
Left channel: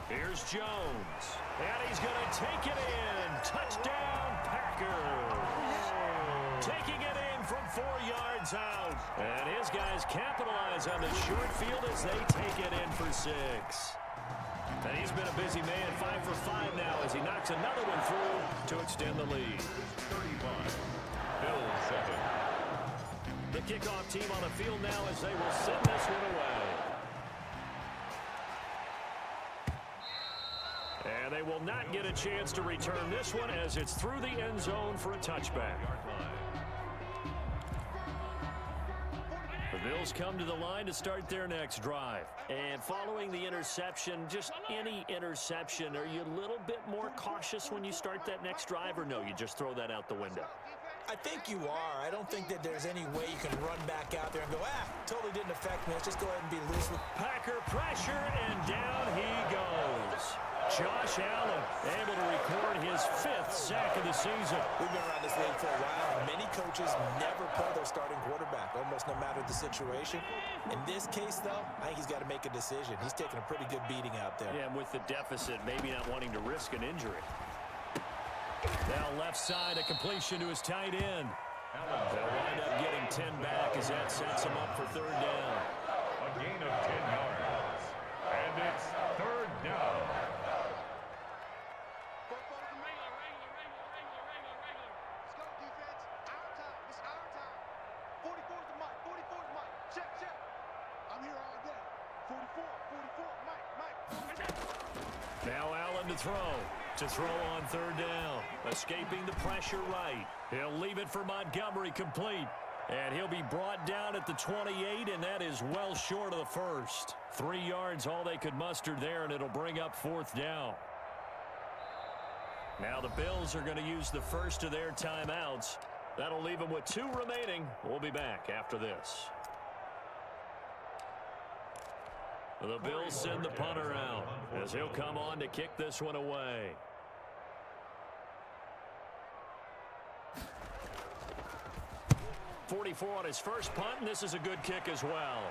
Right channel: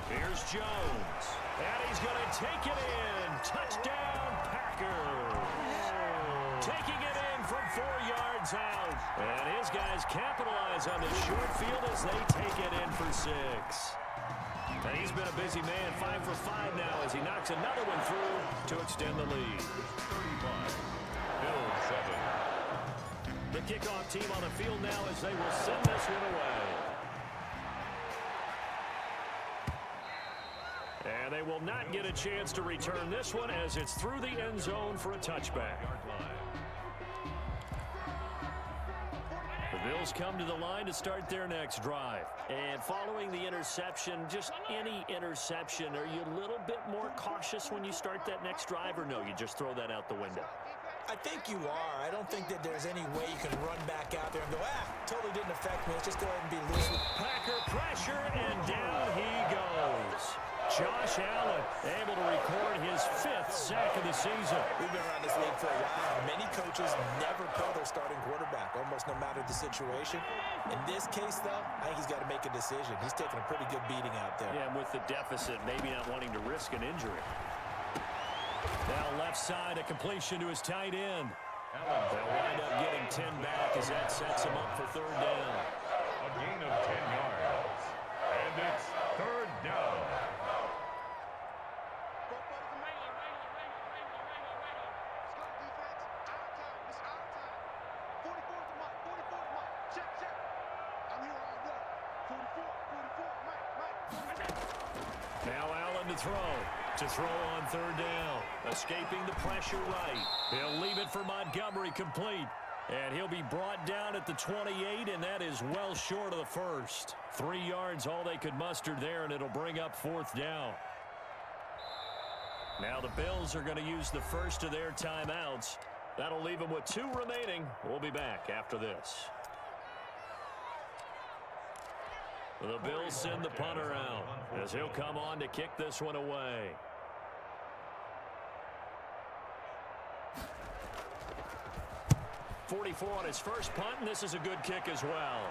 Here's Jones. And he's going to take it in. Touchdown, Packers. Taking it in from 4 yards out. And his guys capitalize on the short field as they take it in for 6. And he's been a busy man, 5 for 5 now as he knocks another one through to extend the lead. 35. Bills 7. The kickoff team on the field now as they will send this one away. And they will not get a chance to return this one as it's through the end zone for a touchback. The Bills come to the line to start their next drive. And following the interception, just any interception, are you a little bit more cautious when you start that next drive, or no, you just throw that out the window? I think you are. I don't think that there's any way you can run back out there and go, totally didn't affect me. Let's just go ahead and be loose with Packer pressure, and down he goes. Josh Allen able to record his 5th sack of the season. We've been around this league for a while. Many coaches never pull their starting quarterback, almost no matter the situation. In this case, though, I think he's got to make a decision. He's taking a pretty good beating out there. Yeah, and with the deficit, maybe not wanting to risk an injury. Now left side, a completion to his tight end. They'll wind up getting 10 back as that sets him up for 3rd down. A gain of 10 yards. And it's 3rd down. Now Allen to throw on 3rd down. Escaping the pressure right. He'll leave it for Montgomery complete. And he'll be brought down at the 28, and that is well short of the 1st. 3 yards all they could muster there, and it'll bring up 4th down. Now the Bills are going to use the first of their timeouts. That'll leave them with 2 remaining. We'll be back after this. The Bills send the punter out as he'll come on to kick this one away. .44 on his first punt, and this is a good kick as well.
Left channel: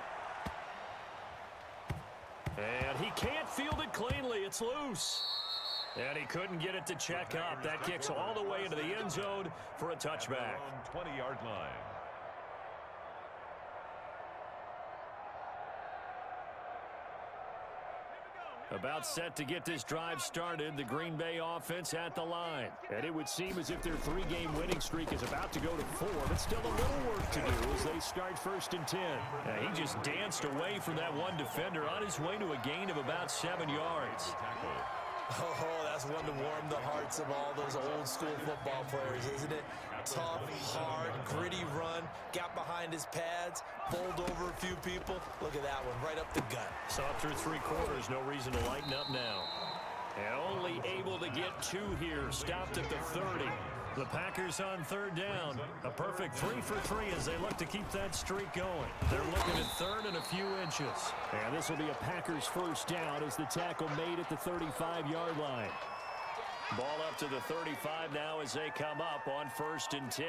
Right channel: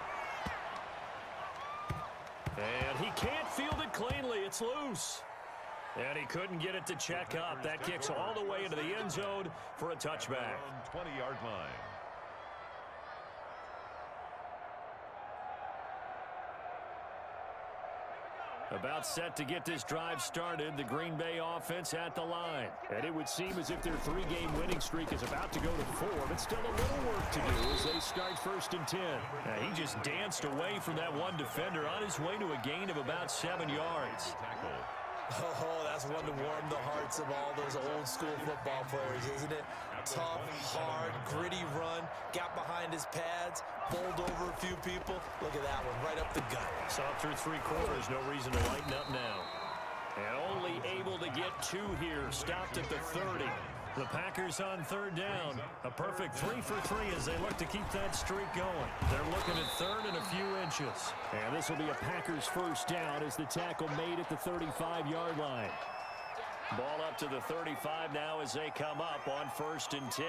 And he can't field it cleanly. It's loose. And he couldn't get it to check up. That kicks all the way into the end zone for a touchback. 20-yard line. About set to get this drive started, the Green Bay offense at the line. And it would seem as if their 3-game winning streak is about to go to 4, but still a little work to do as they start 1st and 10. He just danced away from that one defender on his way to a gain of about 7 yards. Oh, that's one to warm the hearts of all those old school football players, isn't it? Tough, hard, gritty run, got behind his pads, bowled over a few people. Look at that one, right up the gut. So up through 3 quarters, no reason to lighten up now. And only able to get 2 here, stopped at the 30. The Packers on 3rd down. A perfect 3 for 3 as they look to keep that streak going. They're looking at 3rd and a few inches. And this will be a Packers 1st down as the tackle made at the 35-yard line. Ball up to the 35 now as they come up on 1st and 10.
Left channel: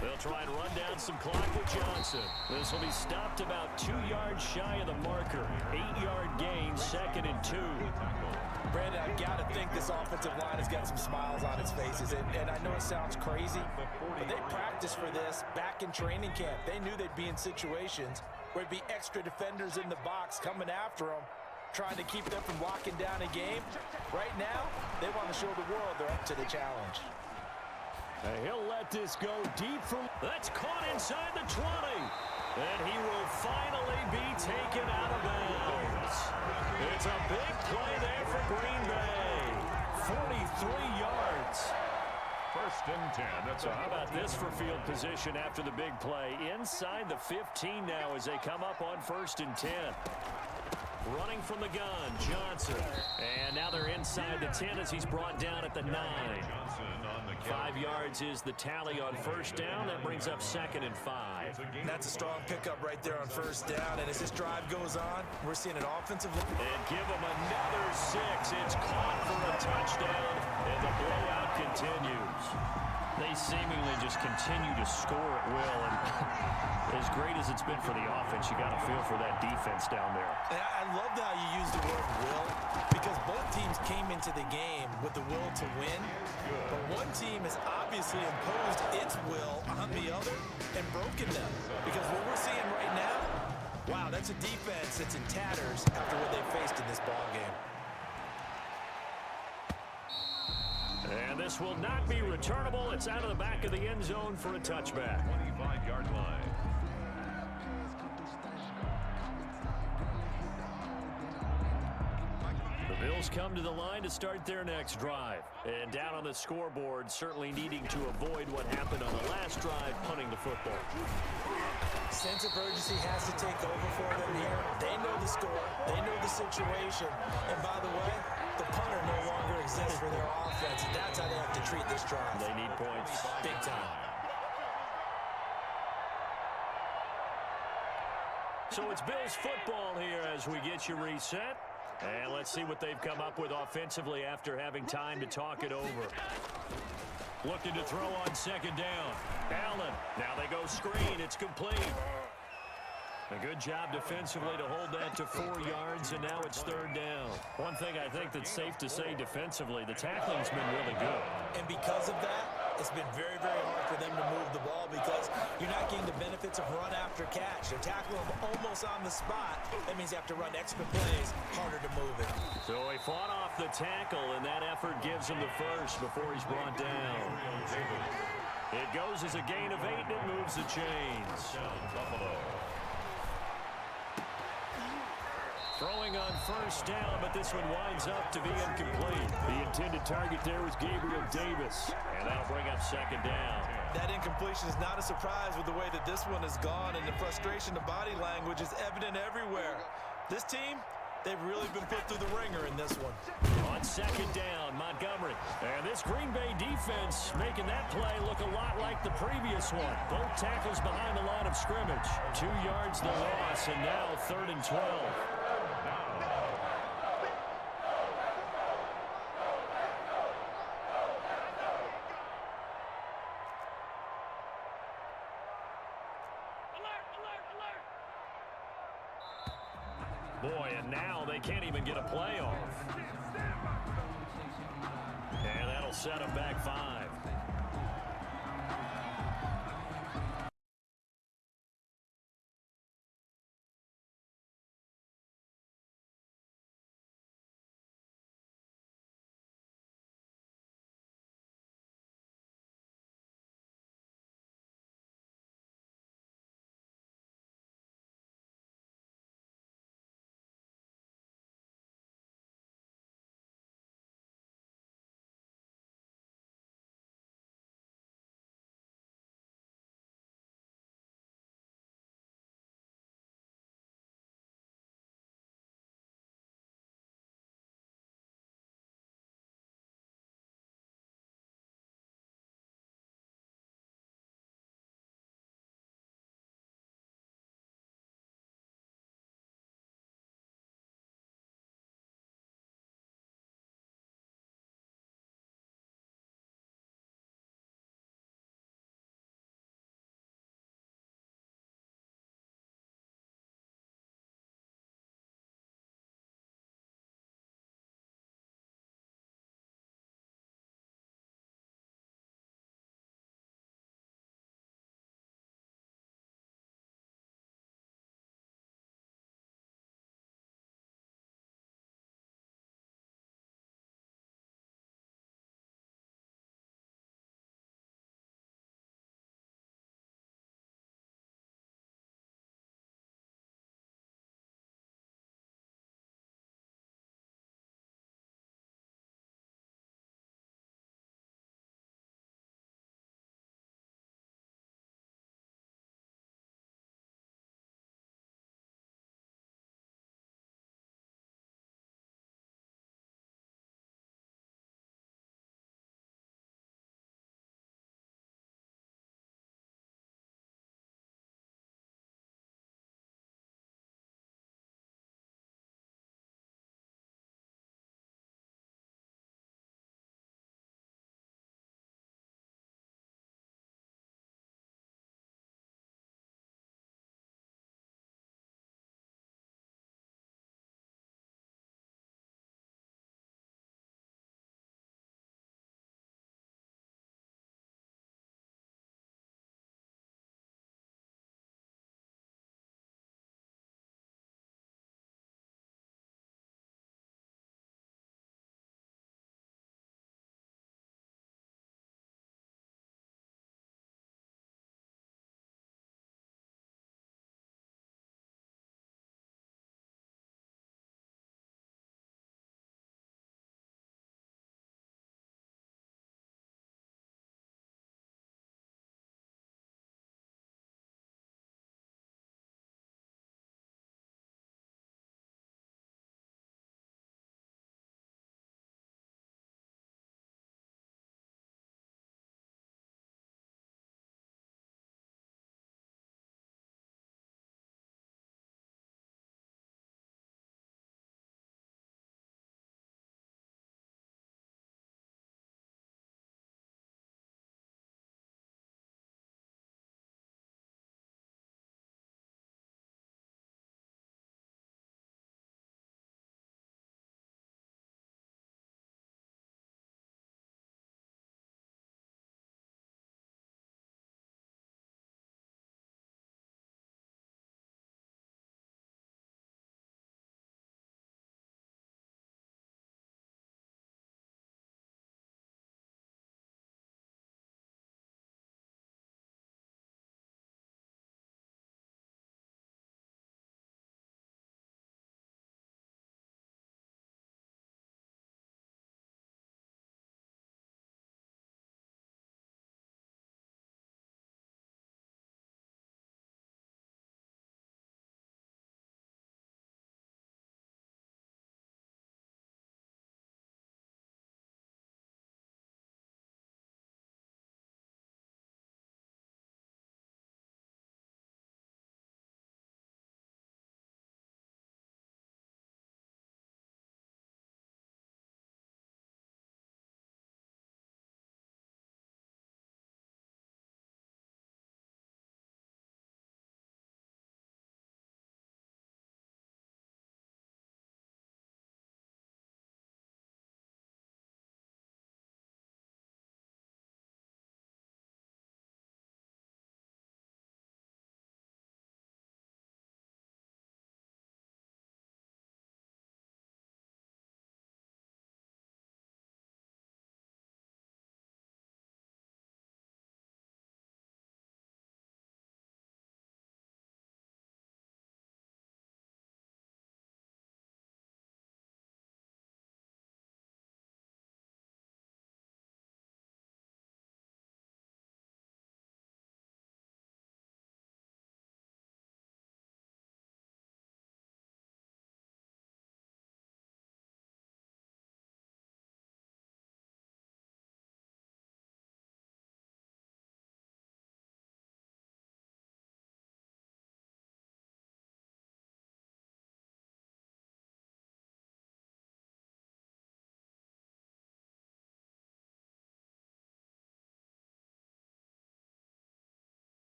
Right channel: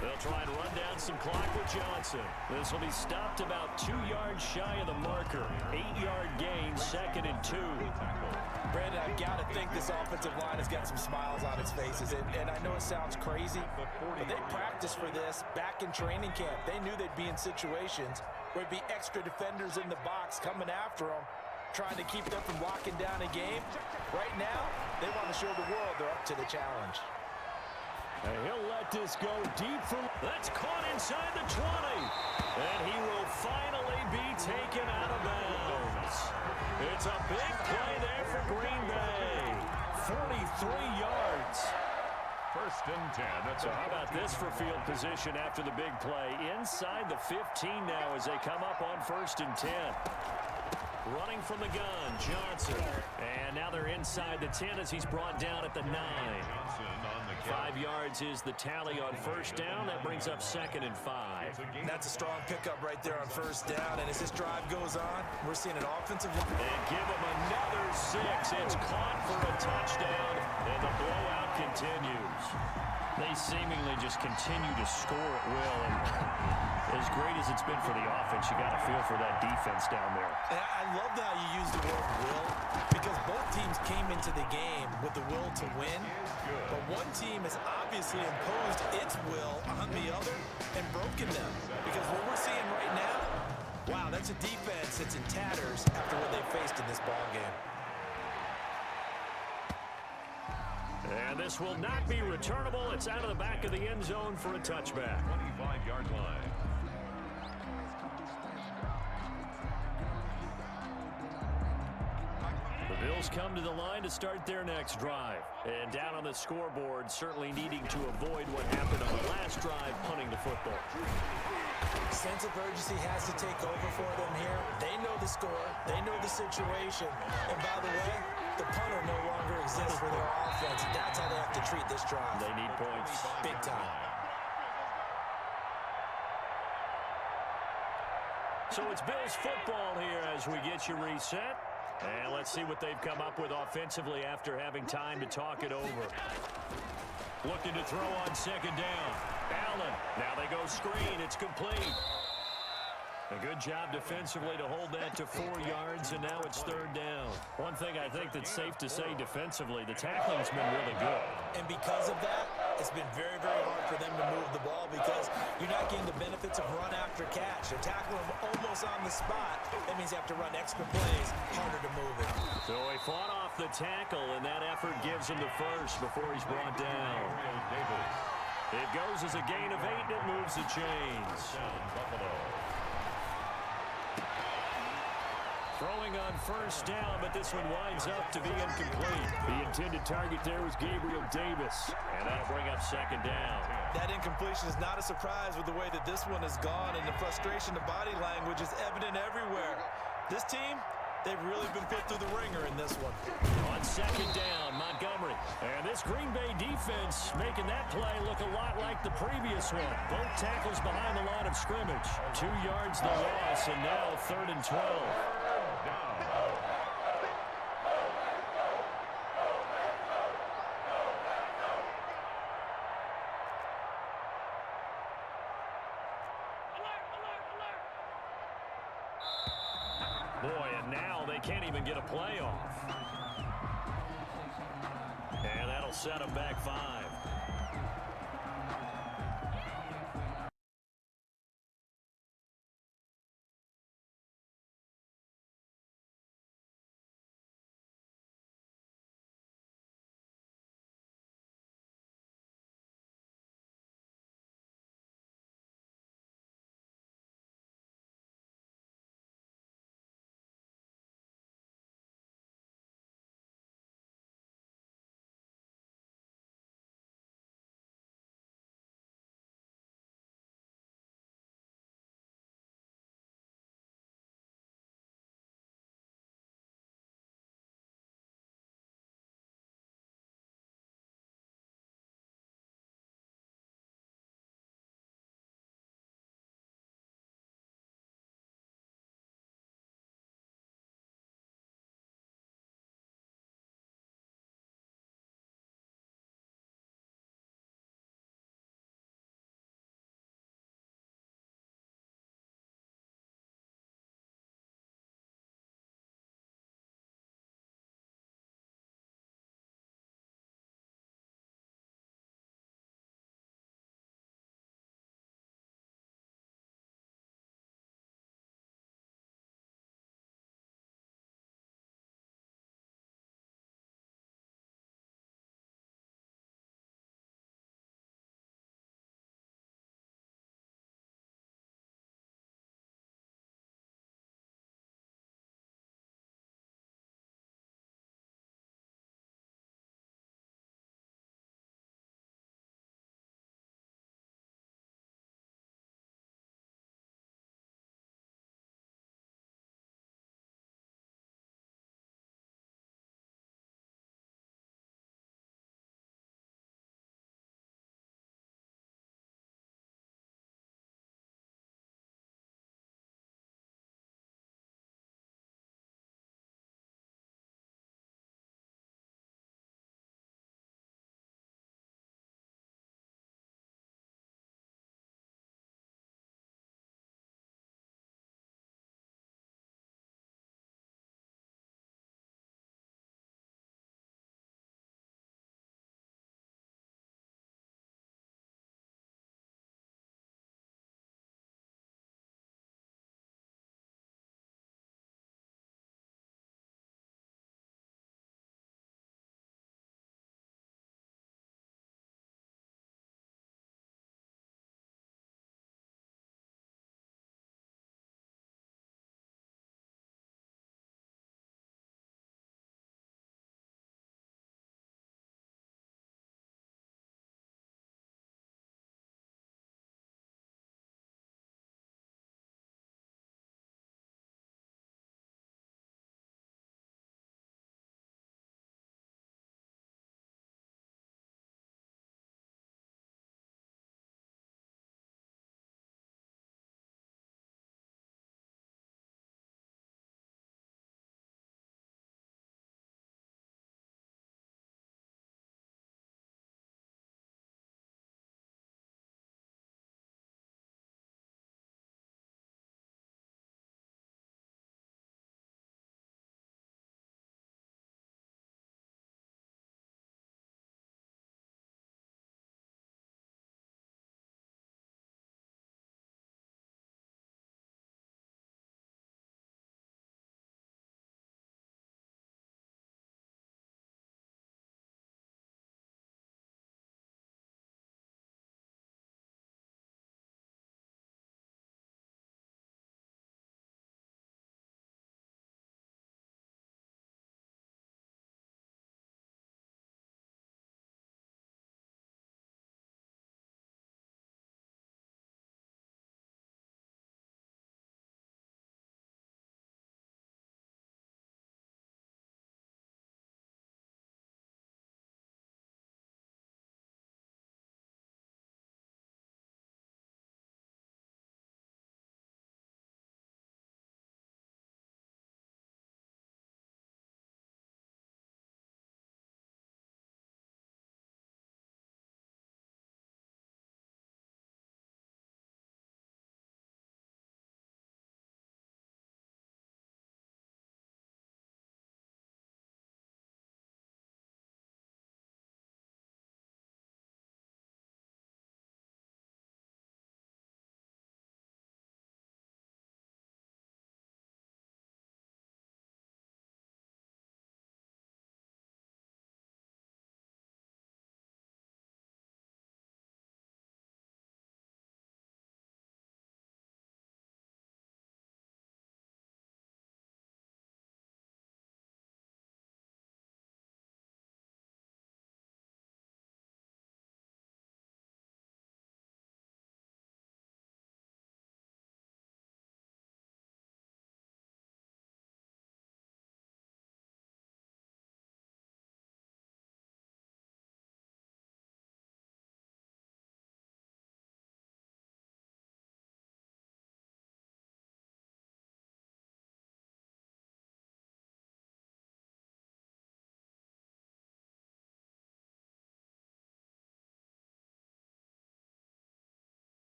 They'll try and run down some clock with Johnson. This will be stopped about 2 yards shy of the marker. 8-yard gain, 2nd and 2. Brandon, I've got to think this offensive line has got some smiles on its faces. And I know it sounds crazy, but they practiced for this back in training camp. They knew they'd be in situations where it'd be extra defenders in the box coming after them, trying to keep them from locking down a game. Right now, they want to show the world they're up to the challenge. And he'll let this go deep for... That's caught inside the 20. And he will finally be taken out of bounds. It's a big play there for Green Bay. 43 yards. 1st and 10. So how about this for field position after the big play? Inside the 15 now as they come up on 1st and 10. Running from the gun, Johnson. And now they're inside the 10 as he's brought down at the 9. 5 yards is the tally on 1st down. That brings up 2nd and 5. That's a strong pickup right there on 1st down. And as this drive goes on, we're seeing an offensive line. And give him another 6. It's caught for a touchdown, and the blowout continues. They seemingly just continue to score at will, and as great as it's been for the offense, you got to feel for that defense down there. And I love how you use the word will, because both teams came into the game with the will to win, but one team has obviously imposed its will on the other and broken them, because what we're seeing right now, wow, that's a defense that's in tatters after what they faced in this ball game. And this will not be returnable. It's out of the back of the end zone for a touchback. 25-yard line. The Bills come to the line to start their next drive. And down on the scoreboard, certainly needing to avoid what happened on the last drive, punting the football. Sense of urgency has to take over for them here. They know the score. They know the situation. And by the way, the punter no longer exists for their offense. That's how they have to treat this drive. They need points. Big time. So it's Bills football here as we get you reset. And let's see what they've come up with offensively after having time to talk it over. Looking to throw on 2nd down. Allen. Now they go screen. It's complete. A good job defensively to hold that to 4 yards, and now it's 3rd down. One thing I think that's safe to say defensively, the tackling's been really good. And because of that, it's been very, very hard for them to move the ball because you're not getting the benefits of run after catch. They're tackling them almost on the spot. That means you have to run extra plays, harder to move it. So he fought off the tackle, and that effort gives him the first before he's brought down. It goes as a gain of 8, and it moves the chains. Buffalo. Throwing on 1st down, but this one winds up to be incomplete. The intended target there was Gabriel Davis, and that'll bring up 2nd down. That incompletion is not a surprise with the way that this one has gone, and the frustration of body language is evident everywhere. This team, they've really been put through the ringer in this one. On 2nd down, Montgomery. And this Green Bay defense making that play look a lot like the previous one. Both tackles behind the line of scrimmage. 2 yards the loss, and now 3rd and 12. Boy, and now they can't even get a playoff. And that'll set them back 5.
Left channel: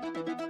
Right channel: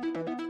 Bye.